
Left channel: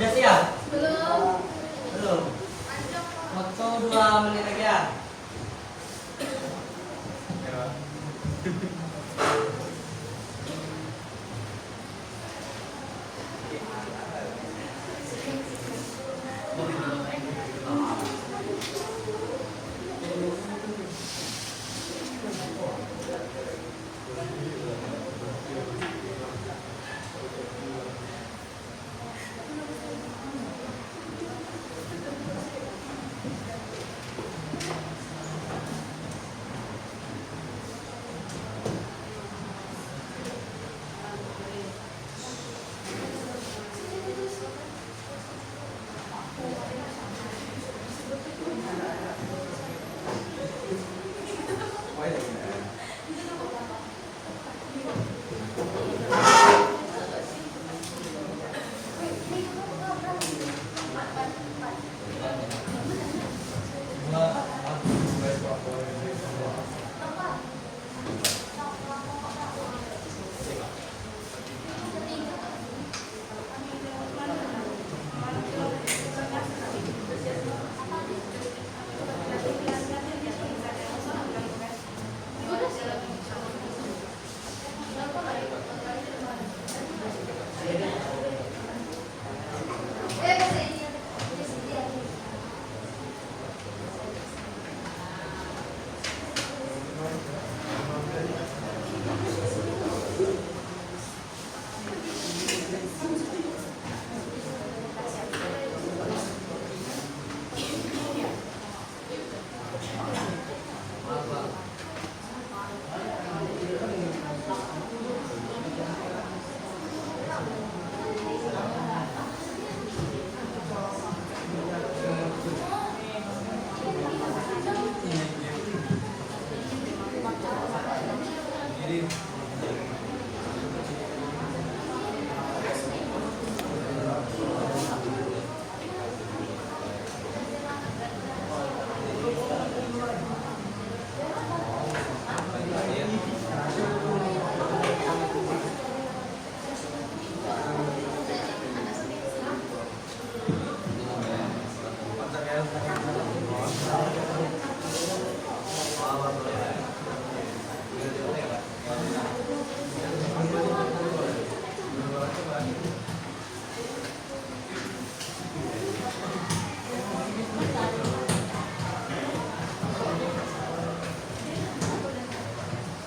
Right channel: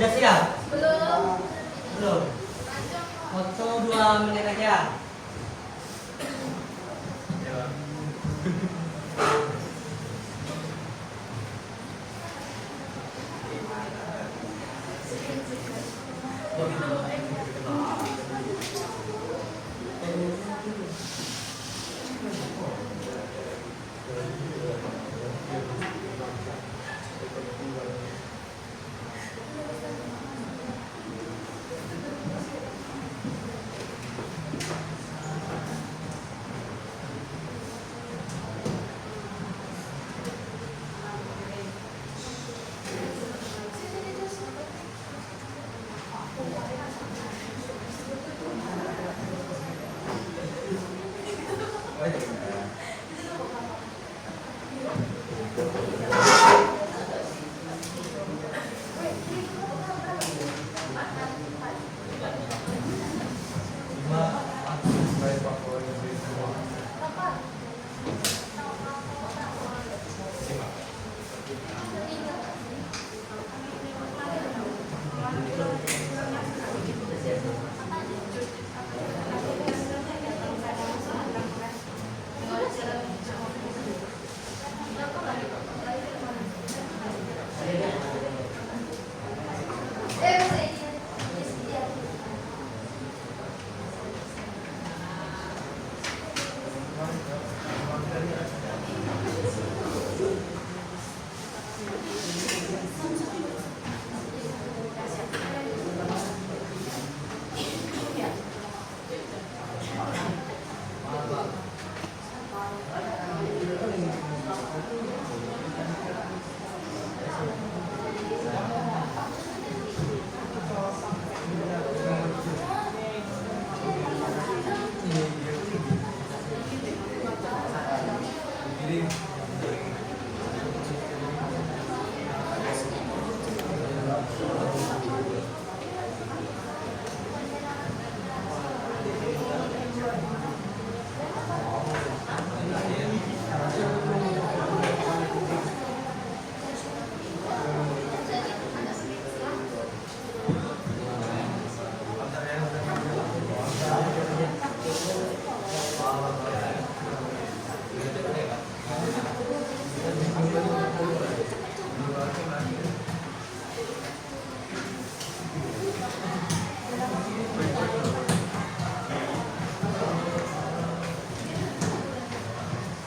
Udah siap? Belum. Belum. Waktu 2 menit lagi ya.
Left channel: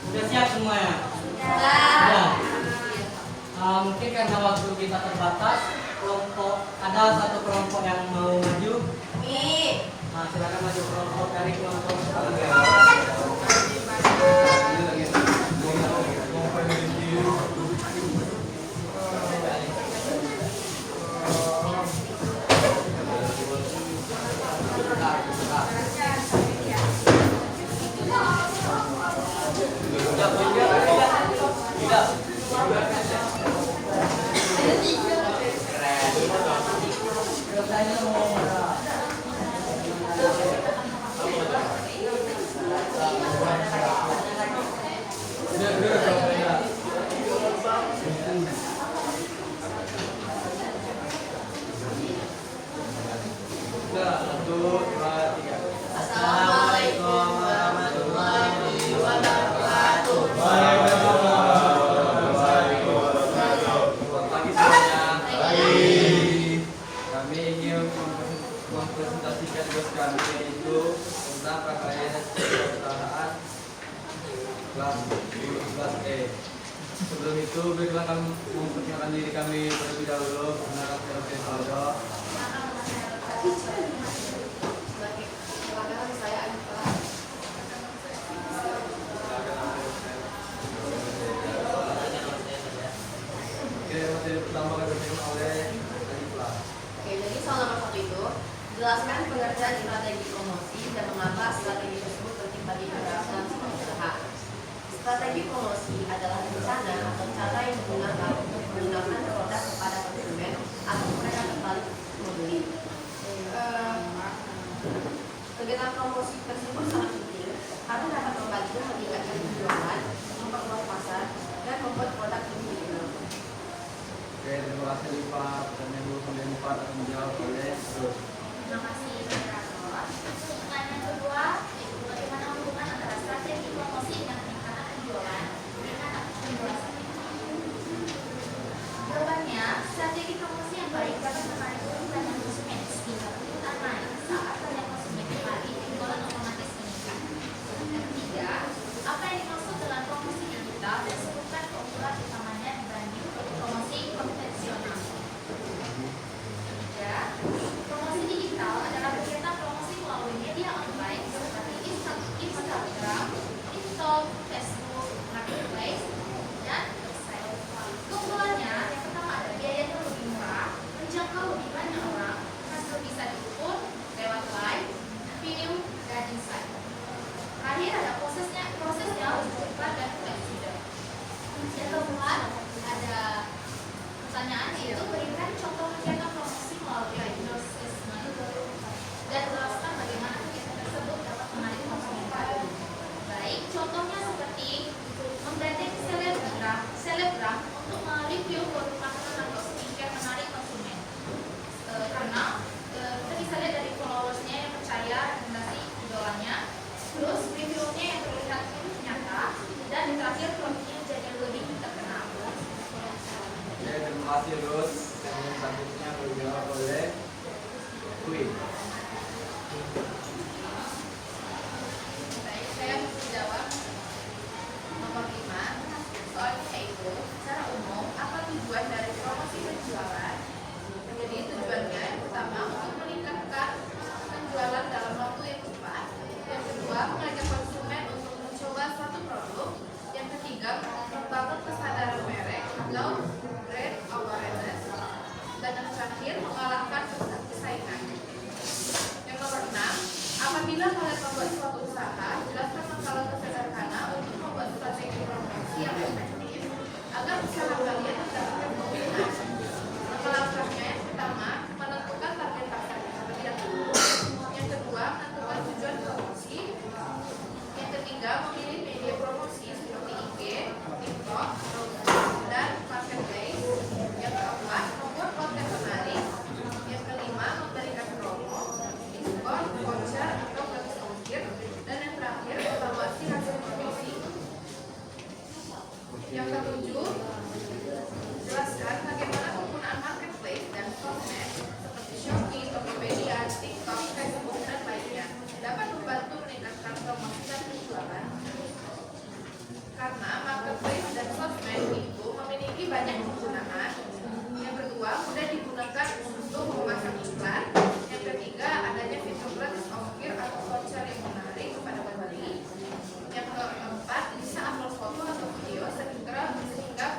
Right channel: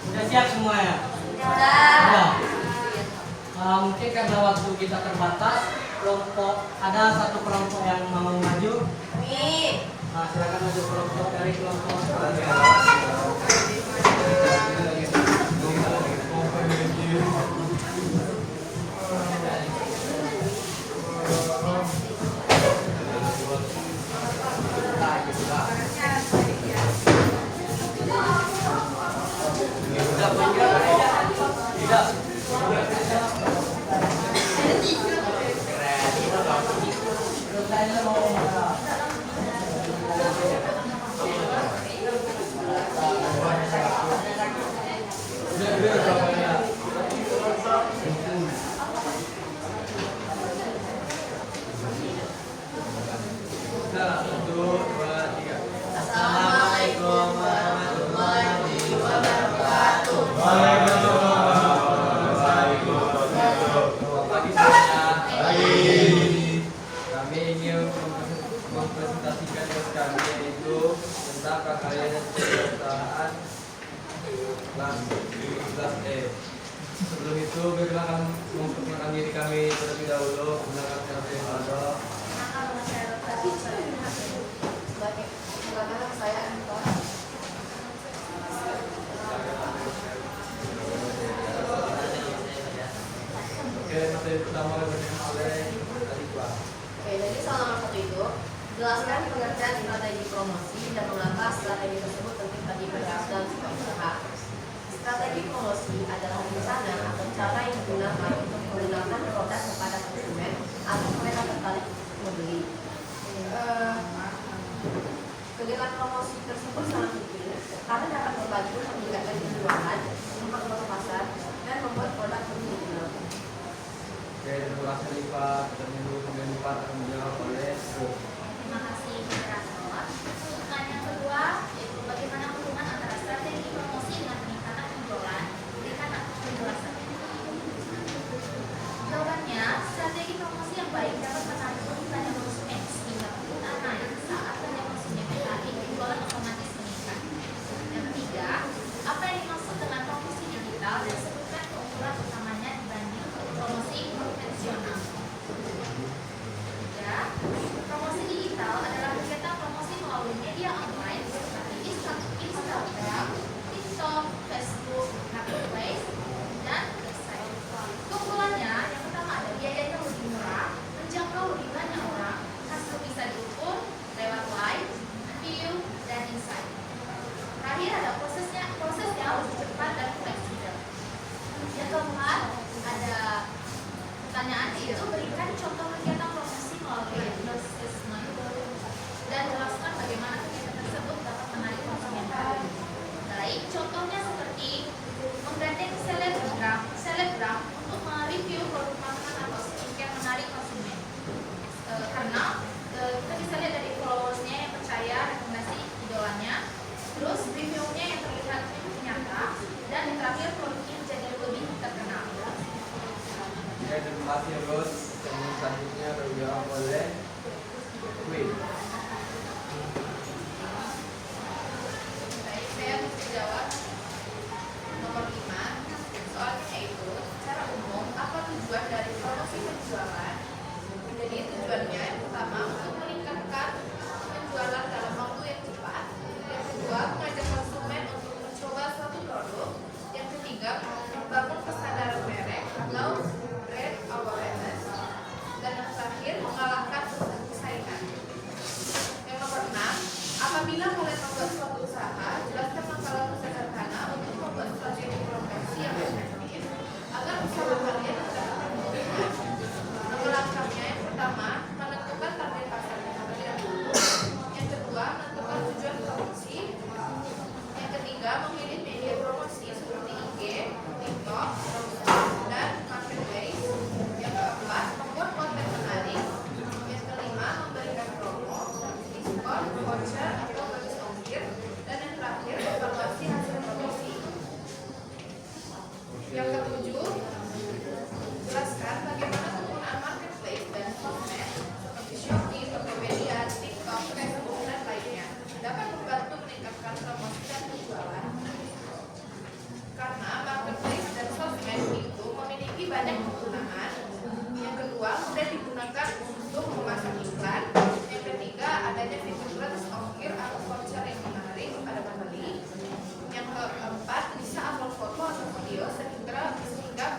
Udah siap semuanya? Sudah. Mungkin karena waktu kita terbatas, ada satu kelompok yang mau maju. Silakan maju kelompok dari kelompok. Assalamualaikum warahmatullahi wabarakatuh. Selamat pagi semuanya. Kami ingin mempresentasikan tugas kami, yaitu tentang prakarya dan perusahaan kelas 11E. Sebelum itu, baiklah kami memperkenalkan diri kami terlebih dahulu. Perkenalkan secara pribadi. Saya Anita. Oke, materi pertama kami bacakan oleh Alifah. Oke, jadi soal nomor 1 itu jelaskan pengertian strategi promosi dan mengapa strategi tersebut penting bagi keberhasilan sebuah usaha. Strategi promosi adalah rencana atau cara yang digunakan untuk menggunakan produk kepada konsumen agar mereka tertarik membeli. Kegiatan promosi tersebut sangat penting karena dapat membantu meningkatkan penjualan, memperluas pasar, dan membuat produk lebih dikenal. Oke, terima kasih Alifah. Pertanyaan 2-4. akan dijawab oleh Ruth. Terima kasih moderator. Pertanyaan kedua yaitu bagaimana hubungan antara strategi promosi dengan peningkatan penjualan? Berikan penjelasan. Jawabannya, strategi promosi yang baik dapat menarik lebih banyak konsumen, terutama saat banyak konsumen tertarik, penjualan otomatis meningkat. Yang ketiga, apa yang dimaksud dengan promosi digital dan sebutkan keunggulan utamanya dibanding promosi konvensional. Ketiga, promosi digital adalah kegiatan promosi melalui media online seperti Instagram, TikTok, Facebook, Marketplace, dan website. Keunggulannya, yang pertama ada biayanya lebih murah, menjangkau lebih banyak orang, hasil bisa diukur lewat like, view, dan insight. Terakhir ada prosesnya lebih cepat dan fleksibel. Yang keempat ada pertanyaan yaitu berikan contoh kegiatan promosi melalui advertisement dan jelaskan bagaimana kegiatan tersebut dapat menarik konsumen baru. Baik, contohnya seperti menggandeng selebgram untuk mereview produk makanan atau skincare menarik konsumen. Karena kita bisa lihat dari followersnya yang percaya rekomendasi idolanya, terus reviewnya yang terlihat nyata, dan yang terakhir produknya jadi lebih terkenal. Oke, terima kasih Ruth. Yang selanjutnya akan dijawab oleh Queen. Baik, saya bisa jawab. Nomor 5, soalnya itu secara umum apa tujuan dari promosi penjualan? Jadi tujuannya yang pertama untuk meningkatkan penjualan dalam waktu yang cepat. Yang kedua, mengajak konsumen untuk mencoba suatu produk. Yang ketiga, membangun kesadaran merek atau brand awareness. Dan yang terakhir, mengalahkan persaingan. Yang nomor 6, apabila kalian membuat suatu usaha, jelaskan langkah-langkah sederhana untuk membuat strategi promosi yang efektif agar usaha kalian mendapatkan keuntungan. Langkah-langkahnya yang pertama, menentukan target pasar terlebih dahulu. Yang kedua, menentukan tujuan promosi. Yang ketiga, memilih media promosi seperti IG, TikTok, dan Marketplace. Yang keempat, membuat konten menarik. Yang kelima, memberikan promo, diskon, voucher, atau gratis ongkir. Dan yang terakhir, evaluasi hasil promosi. Yang ketujuh, jelaskan bagaimana penggunaan marketplace dan sosmed seperti Shopee, Tokopedia, TikTok, Facebook, dan lainnya dapat membantu meningkatkan promosi dan penjualan. Karena marketplace dan sosmed itu memiliki banyak penggunaan. Yang kedua, mudah digunakan untuk memasang iklan. Yang ketiga, adanya fitur gratis ongkir atau voucher yang menarik kepada pembeli. Yang keempat, bisa upload foto atau video sehingga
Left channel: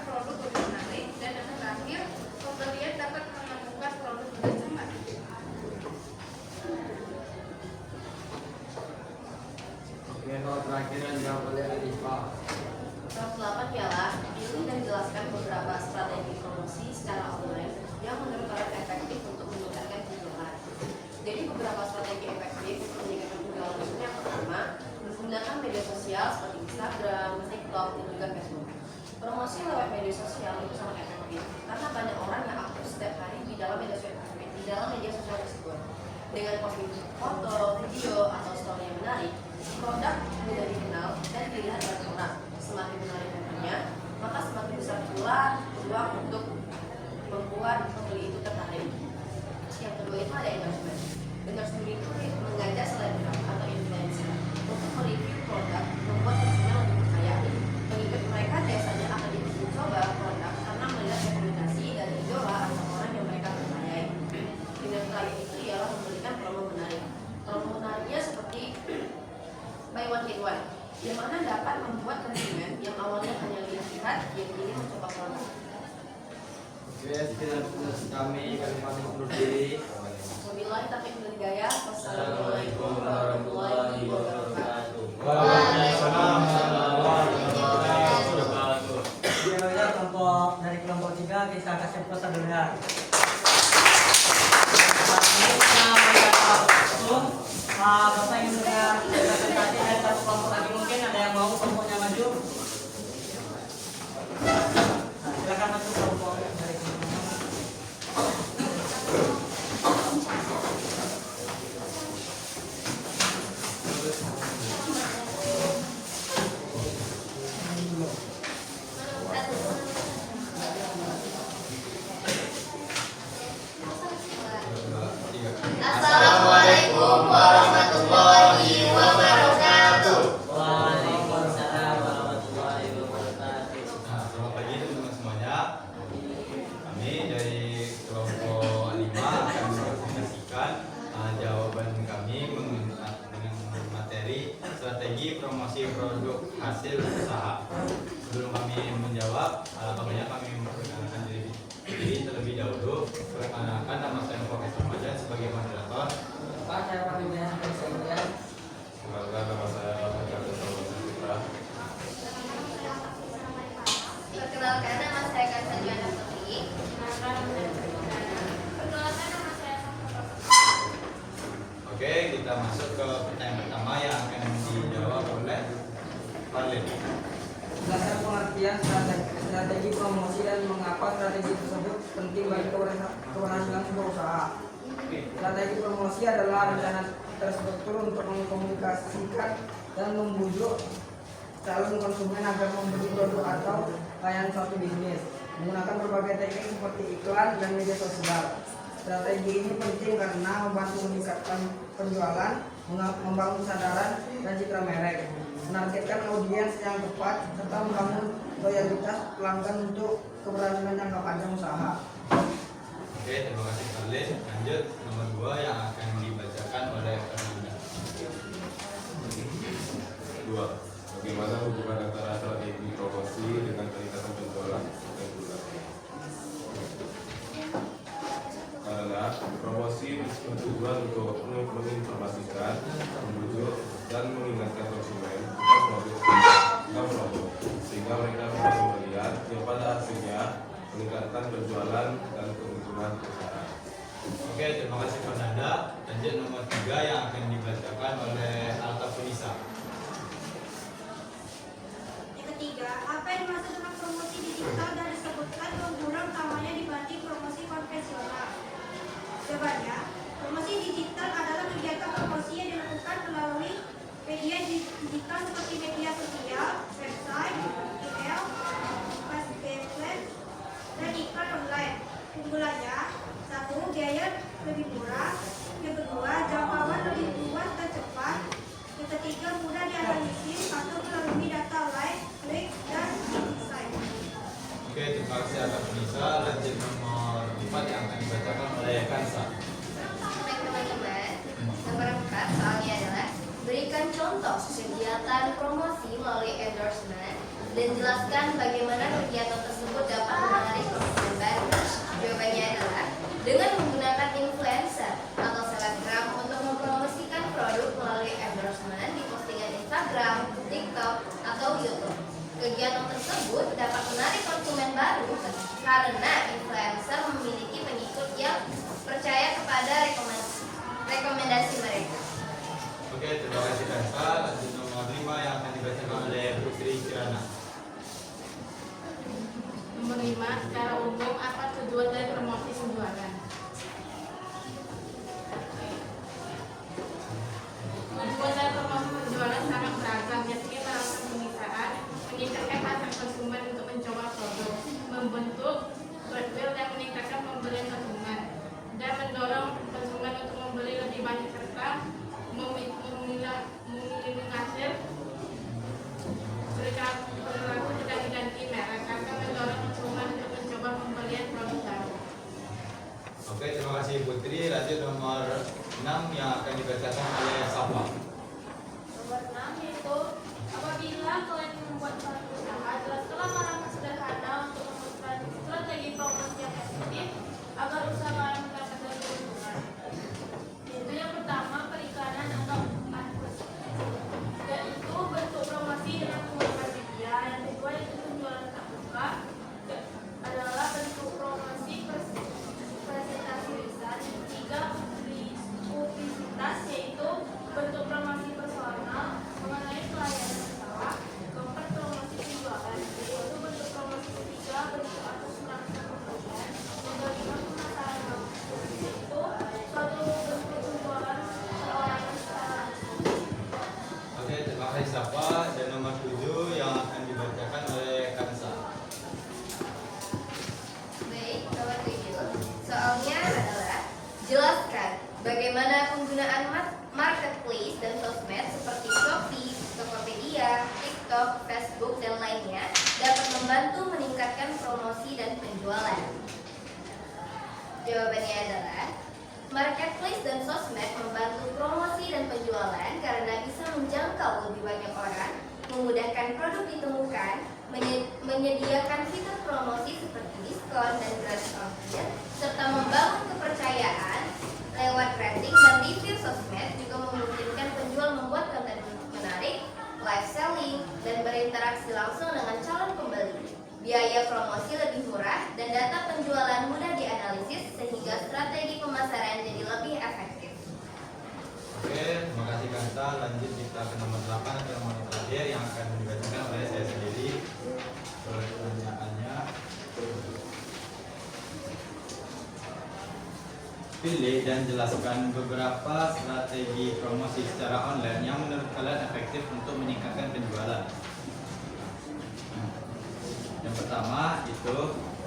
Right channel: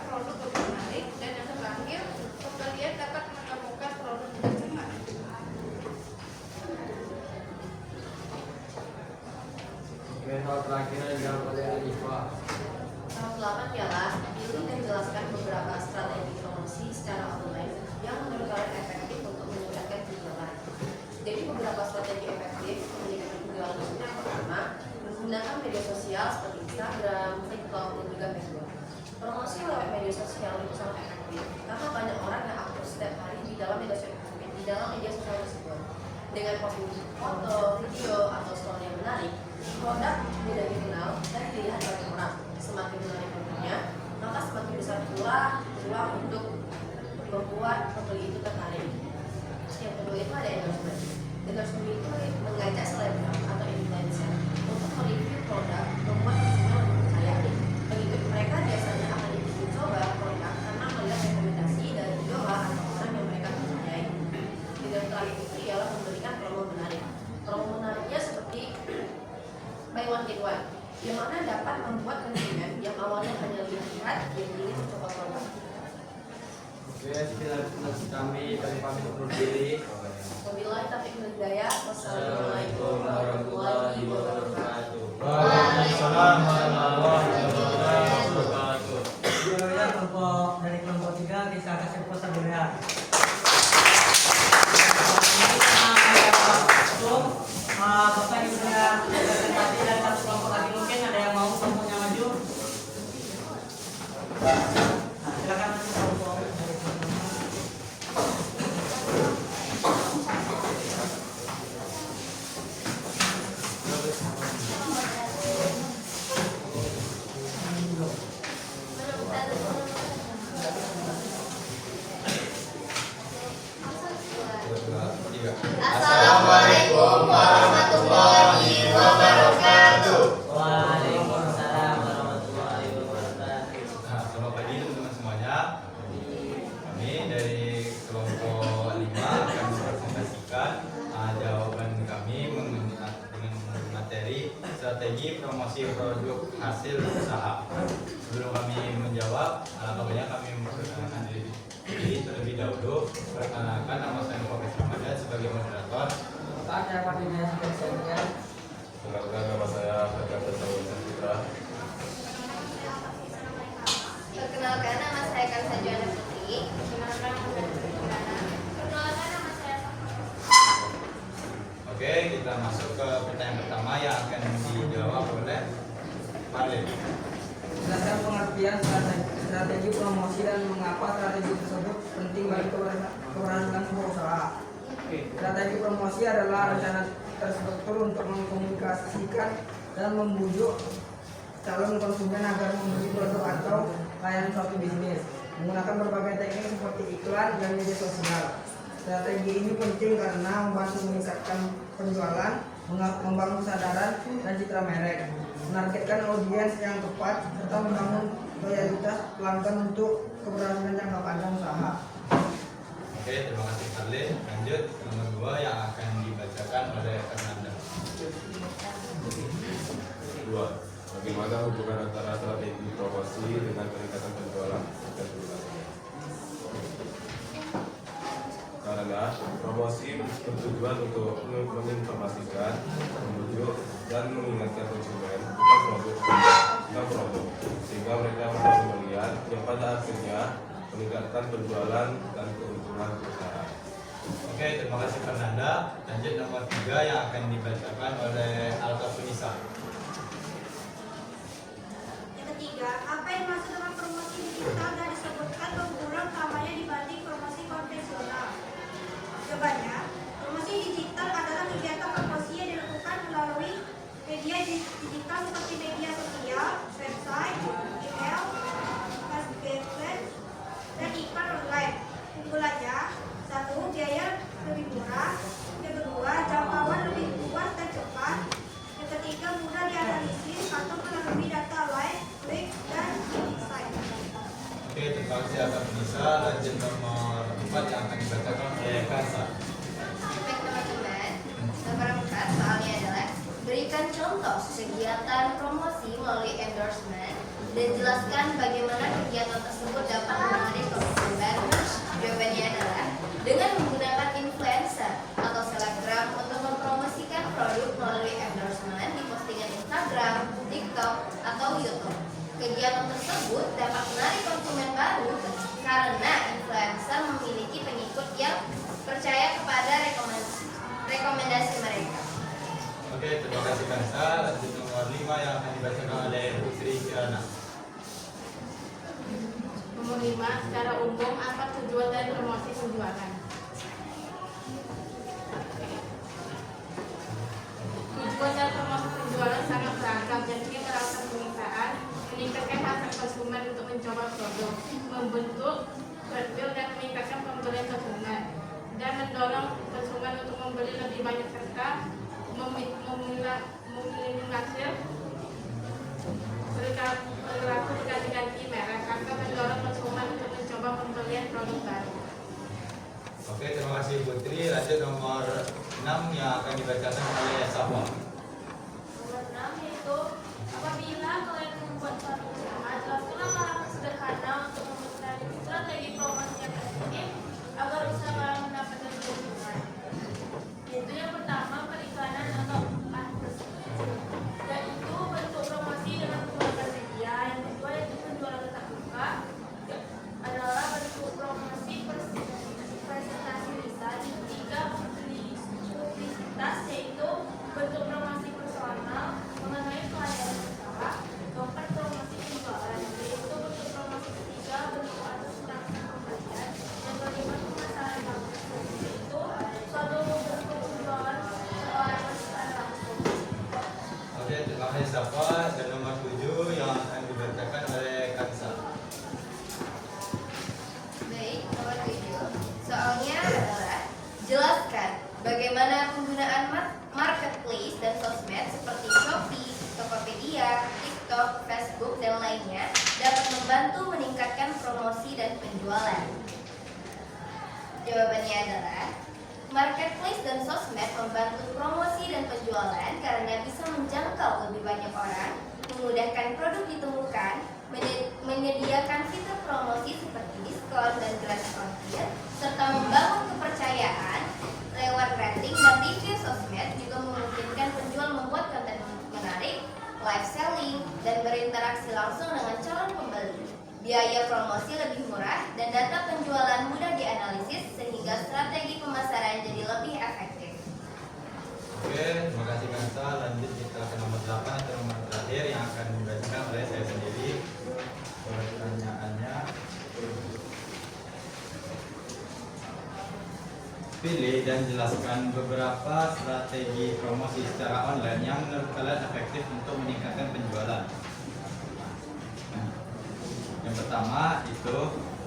produk lebih menarik. Dan yang terakhir, pembelian dapat menemukan produk dengan cepat. Oke, soal terakhir yang dijawab oleh Rifa. Nomor 8 ialah pilih dan jelaskan beberapa strategi promosi secara online yang menurut kalian efektif untuk meningkatkan penjualan. Jadi beberapa strategi efektif untuk meningkatkan penjualan itu yang pertama, menggunakan media sosial seperti Instagram, TikTok, dan juga Facebook. Promosi lewat media sosial itu sangat efektif karena banyak orang yang aktif setiap hari di dalam media sosial tersebut. Dengan posting foto, video, atau story yang menarik, produk mudah dikenal dan dilihat oleh orang. Semakin menarik produknya, maka semakin besar pula peluang untuk membuat pembeli itu tertarik. Yang kedua itu ada endorsement. Endorsement itu mengajak selebgram atau influencer untuk mereview produk, membuat konsumen lebih percaya. Pengikut mereka biasanya akan dicoba produk karena melihat rekomendasi dari idola atau orang yang mereka percayai. Dan yang terakhir itu ialah memberikan promo menarik. Promo menariknya seperti buy one get one, yang mana dapat membuat konsumen yang awalnya hanya lihat yang ini mencoba produk. Oke, sekian kami pamit undur diri. Wabillahi taufiq wal hidayah. Wassalamualaikum warahmatullahi wabarakatuh. Waalaikumsalam warahmatullahi wabarakatuh. Ya, kelompok dari kelompok 3 kita kasih pesan dulu. Bapak yang sudah presentasi dari satu kelompok lagi, mungkin ada yang mau kelompoknya maju. Nah, silakan maju kelompok dari kelompok. promosi produk hasil usaha. Sebelum kami menjawab, alangkah baiknya kami memperkenalkan diri terlebih dahulu. Perkenalkan, nama saya Profesor Ramadan sebagai moderator. Pak, saya wakilnya Presiden. Perkenalkan, nama saya Fajar Sawan Putra. Perkenalkan, nama saya Kansa Juana Putri. Oke, kita masuk ke pertanyaan pertama yang akan dijawab oleh Valen. Jelaskan pengertian strategi promosi dan mengapa strategi tersebut penting bagi keberhasilan sebuah usaha. Strategi promosi adalah rencana terstruktur untuk mengkomunikasikan dan membujuk calon konsumen agar membeli produk atau layanan suatu bisnis menggunakan berbagai teknik seperti iklan dan media sosial. Strategi ini penting karena membantu meningkatkan penjualan, membangun kesadaran dan citra merek, menargetkan audiens yang tepat, serta membangun loyalitas pelanggan untuk keberhasilan jangka panjang usaha. Oke, terima kasih Valen. Lanjut nomor 2 yang akan dibacakan oleh Fernanda. 2. Bagaimana hubungan antara strategi promosi dengan peningkatan penjualan dan penjualan? Karena promosi bertujuan untuk menginformasikan, membujuk, dan mengingatkan konsumen tentang produk, sehingga mereka merasa pembelian yang pada akhirnya meningkatkan penjualan dan keuntungan perusahaan. Oke, terima kasih Fernanda. Lanjut nomor 3 yang akan dibacakan oleh Alta Punisa. Yang ketiga, apa yang dimaksud dengan promosi digital dan disebutkan keunggulan utamanya dibanding promosi konvensional? Jawabannya, promosi digital adalah kegiatan promosi yang dilakukan melalui media digital seperti media sosial, website, email, Facebook, dan iklan online. Keunggulannya, 1. Biaya lebih murah. Yang kedua, jangkauan lebih luas dan cepat. Yang ketiga, mudah dianalisis atau melalui data like, klik, dan insight. Oke, terima kasih Alta Punisa. Lanjut nomor 4 yang akan dibacakan oleh Kansa. Baik teman-teman, nomor 4 soalnya adalah berikan contoh kegiatan promosi melalui endorsement dan jelaskan bagaimana kegiatan tersebut dapat menarik konsumen baru. Jawabannya adalah dengan menggunakan influencer atau selebgram untuk mempromosikan produk melalui endorsement di postingan Instagram, TikTok, atau YouTube. Kegiatan tersebut dapat menarik konsumen baru karena influencer memiliki pengikut yang percaya kepada rekomendasi mereka. Oke, terima kasih Kansa. Lanjut nomor 5 yang akan dibacakan oleh Putri Kirana. Nomor 5, secara umum apa tujuan dan promosi penjualan? Tujuan dan promosi penjualan sangat beragam, yakni melakukan pemisahan, meningkatkan hasrat konsumen untuk mencoba produk, membentuk goodwill dan meningkatkan pembelian konsumen, dan mendorong konsumen untuk membeli lebih banyak serta meminimalisir perilaku berganti-ganti merek akan mendorong konsumen untuk mencoba pembelian produk baru. Oke, terima kasih Putri. Lanjut nomor 6 yang akan dibacakan oleh Safa. Nomor 6 yaitu apabila kalian membuat suatu usaha, jelaskanlah langkah sederhana untuk memutuskan strategi promosi yang efektif agar usaha kalian mendapatkan keuntungan. Yaitu yang pertama, periklanan atau advertising, yaitu bentuk promosi dengan menggunakan media. Yang kedua yaitu penjualan tatap muka, adalah bentuk promosi presentasi lisan. Yang ketiga, publisitas, yaitu bentuk promosi personal mengenai pelayanan usaha. Keempat, promosi penjualan, yaitu bentuk promosi ketiga, bentuk arus langsung pembelian. Yang kelima, pemasaran langsung, yaitu suatu bentuk penjualan seorang secara langsung. Oke, terima kasih Safa. Dan nomor 7 yang akan dibacakan oleh Kansa. Baik, nomor 7. Soalnya adalah jelaskan bagaimana penggunaan marketplace dan sosmed seperti Shopee, Tokopedia, TikTok, Facebook, dan lainnya dapat membantu meningkatkan promosi dan penjualan. Jawabannya adalah Marketplace dan sosmed membantu promosi dan penjualan karena bisa menjangkau lebih banyak orang, memudahkan produk ditemukan, menyediakan fitur promosi seperti diskon dan gratis ongkir, serta membangun kepercayaan lewat rating dan review sosmed juga memungkinkan penjual membuat konten menarik, live selling, dan berinteraksi langsung dengan calon pembeli. Biaya promosi lebih murah dan data penjualan mudah dianalisis sehingga strategi pemasaran jadi lebih efektif. Oke, terima kasih Kansa. Lanjut kita ke nomor 8 atau nomor terakhir yang akan dibacakan oleh saya sendiri. Pertanyaannya, pilih dan jelaskan beberapa strategi promosi secara online yang menurut kalian efektif untuk meningkatkan penjualan. Yang pertama itu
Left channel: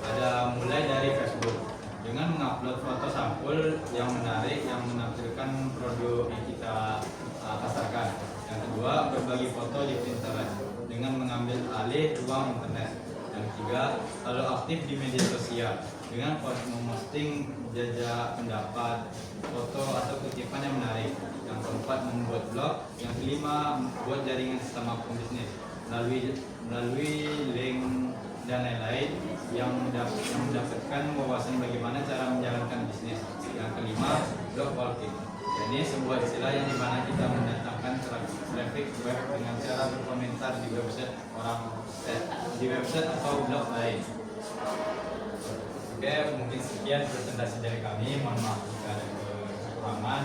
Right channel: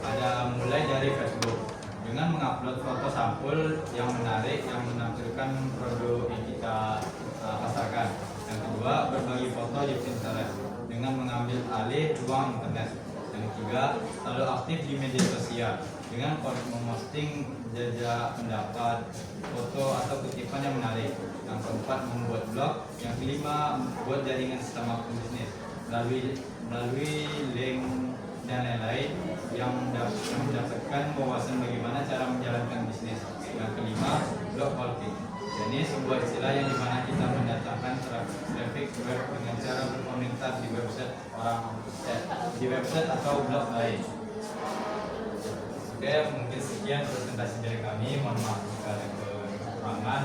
ada mulai dari Facebook dengan mengupload foto sampul yang menarik yang menampilkan produk yang kita pasarkan. Yang kedua, berbagi foto di Pinterest dengan mengambil alih ruang internet. Yang ketiga, selalu aktif di media sosial dengan memposting jejak pendapat, foto atau kutipan yang menarik. Yang keempat, membuat blog. Yang kelima, membuat jaringan sesama pembisnis melalui link dan lain-lain yang mendapatkan wawasan bagaimana cara menjalankan bisnis. Yang kelima, blog walking. Ini sebuah istilah yang dimana kita mendatangkan traffic web dengan cara berkomentar di website atau blog lain. Oke, mungkin sekian presentasi dari kami. Mohon maaf jika ada kekurangan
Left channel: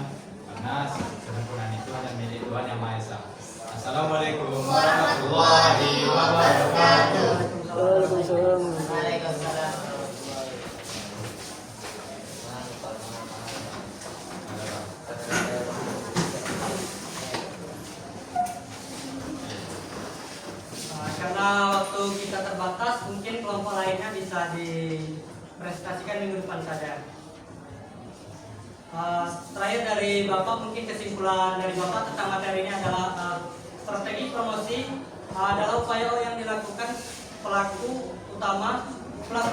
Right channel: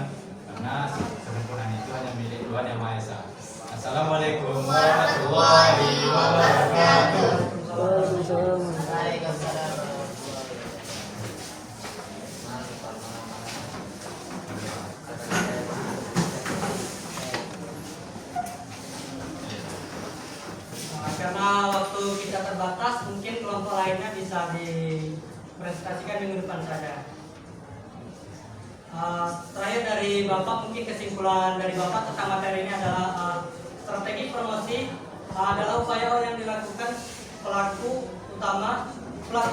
karena kesempurnaan itu hanya milik Tuhan Yang Maha Esa. Assalamualaikum warahmatullahi wabarakatuh. Karena waktu kita terbatas, mungkin kelompok lainnya bisa dipresentasikan minggu depan saja. Terakhir dari Bapak, mungkin kesimpulan dari Bapak tentang materi ini adalah strategi promosi adalah upaya yang dilakukan pelaku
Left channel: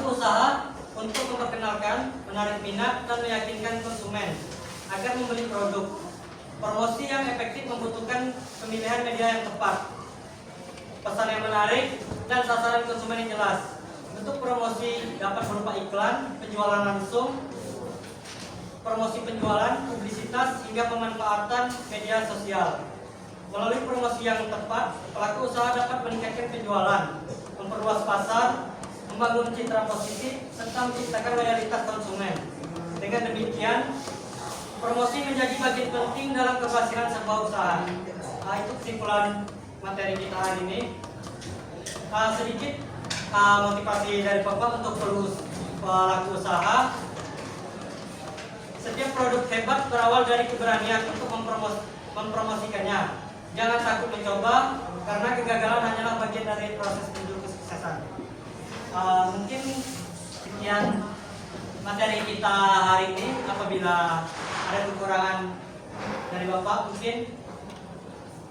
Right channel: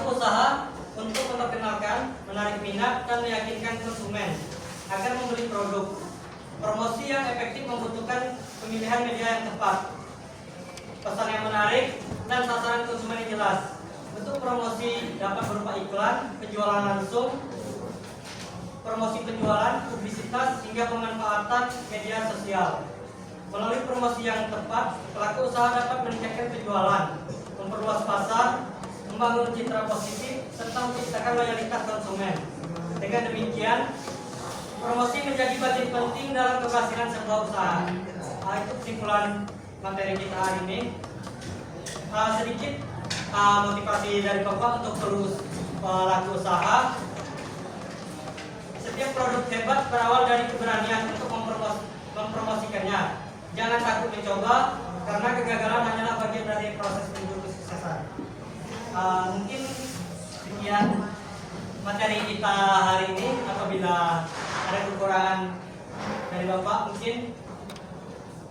usaha untuk memperkenalkan, menarik minat, dan meyakinkan konsumen agar membeli produk. Promosi yang efektif membutuhkan pemilihan media yang tepat, pesan yang menarik, dan sasaran konsumen yang jelas. Bentuk promosi dapat berupa iklan, penjualan langsung, promosi penjualan, publisitas, hingga pemanfaatan media sosial. Melalui promosi yang tepat, pelaku usaha dapat meningkatkan penjualan, memperluas pasar, membangun citra positif, serta menciptakan loyalitas konsumen. Dengan demikian, promosi menjadi bagian penting dalam keberhasilan sebuah usaha. Itu kesimpulan materi kita hari ini. Sedikit motivasi dari Bapak untuk pelaku usaha. Setiap produk hebat berawal dari keberanian untuk mempromosikannya. Jangan takut mencoba, karena kegagalan hanyalah bagian dari proses menuju kesuksesan. Mungkin sekian materi kita hari ini. Apabila ada kekurangan dari Bapak, mungkin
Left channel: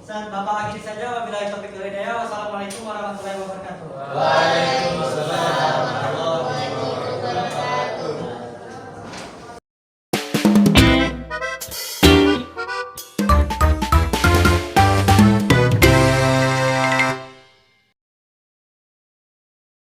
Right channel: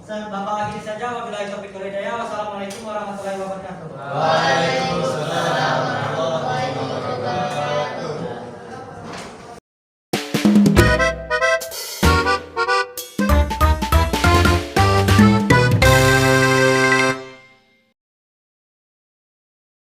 Bapak akhiri saja. Wabillahi taufiq wal hidayah. Wassalamualaikum warahmatullahi wabarakatuh. Waalaikumsalam warahmatullahi wabarakatuh.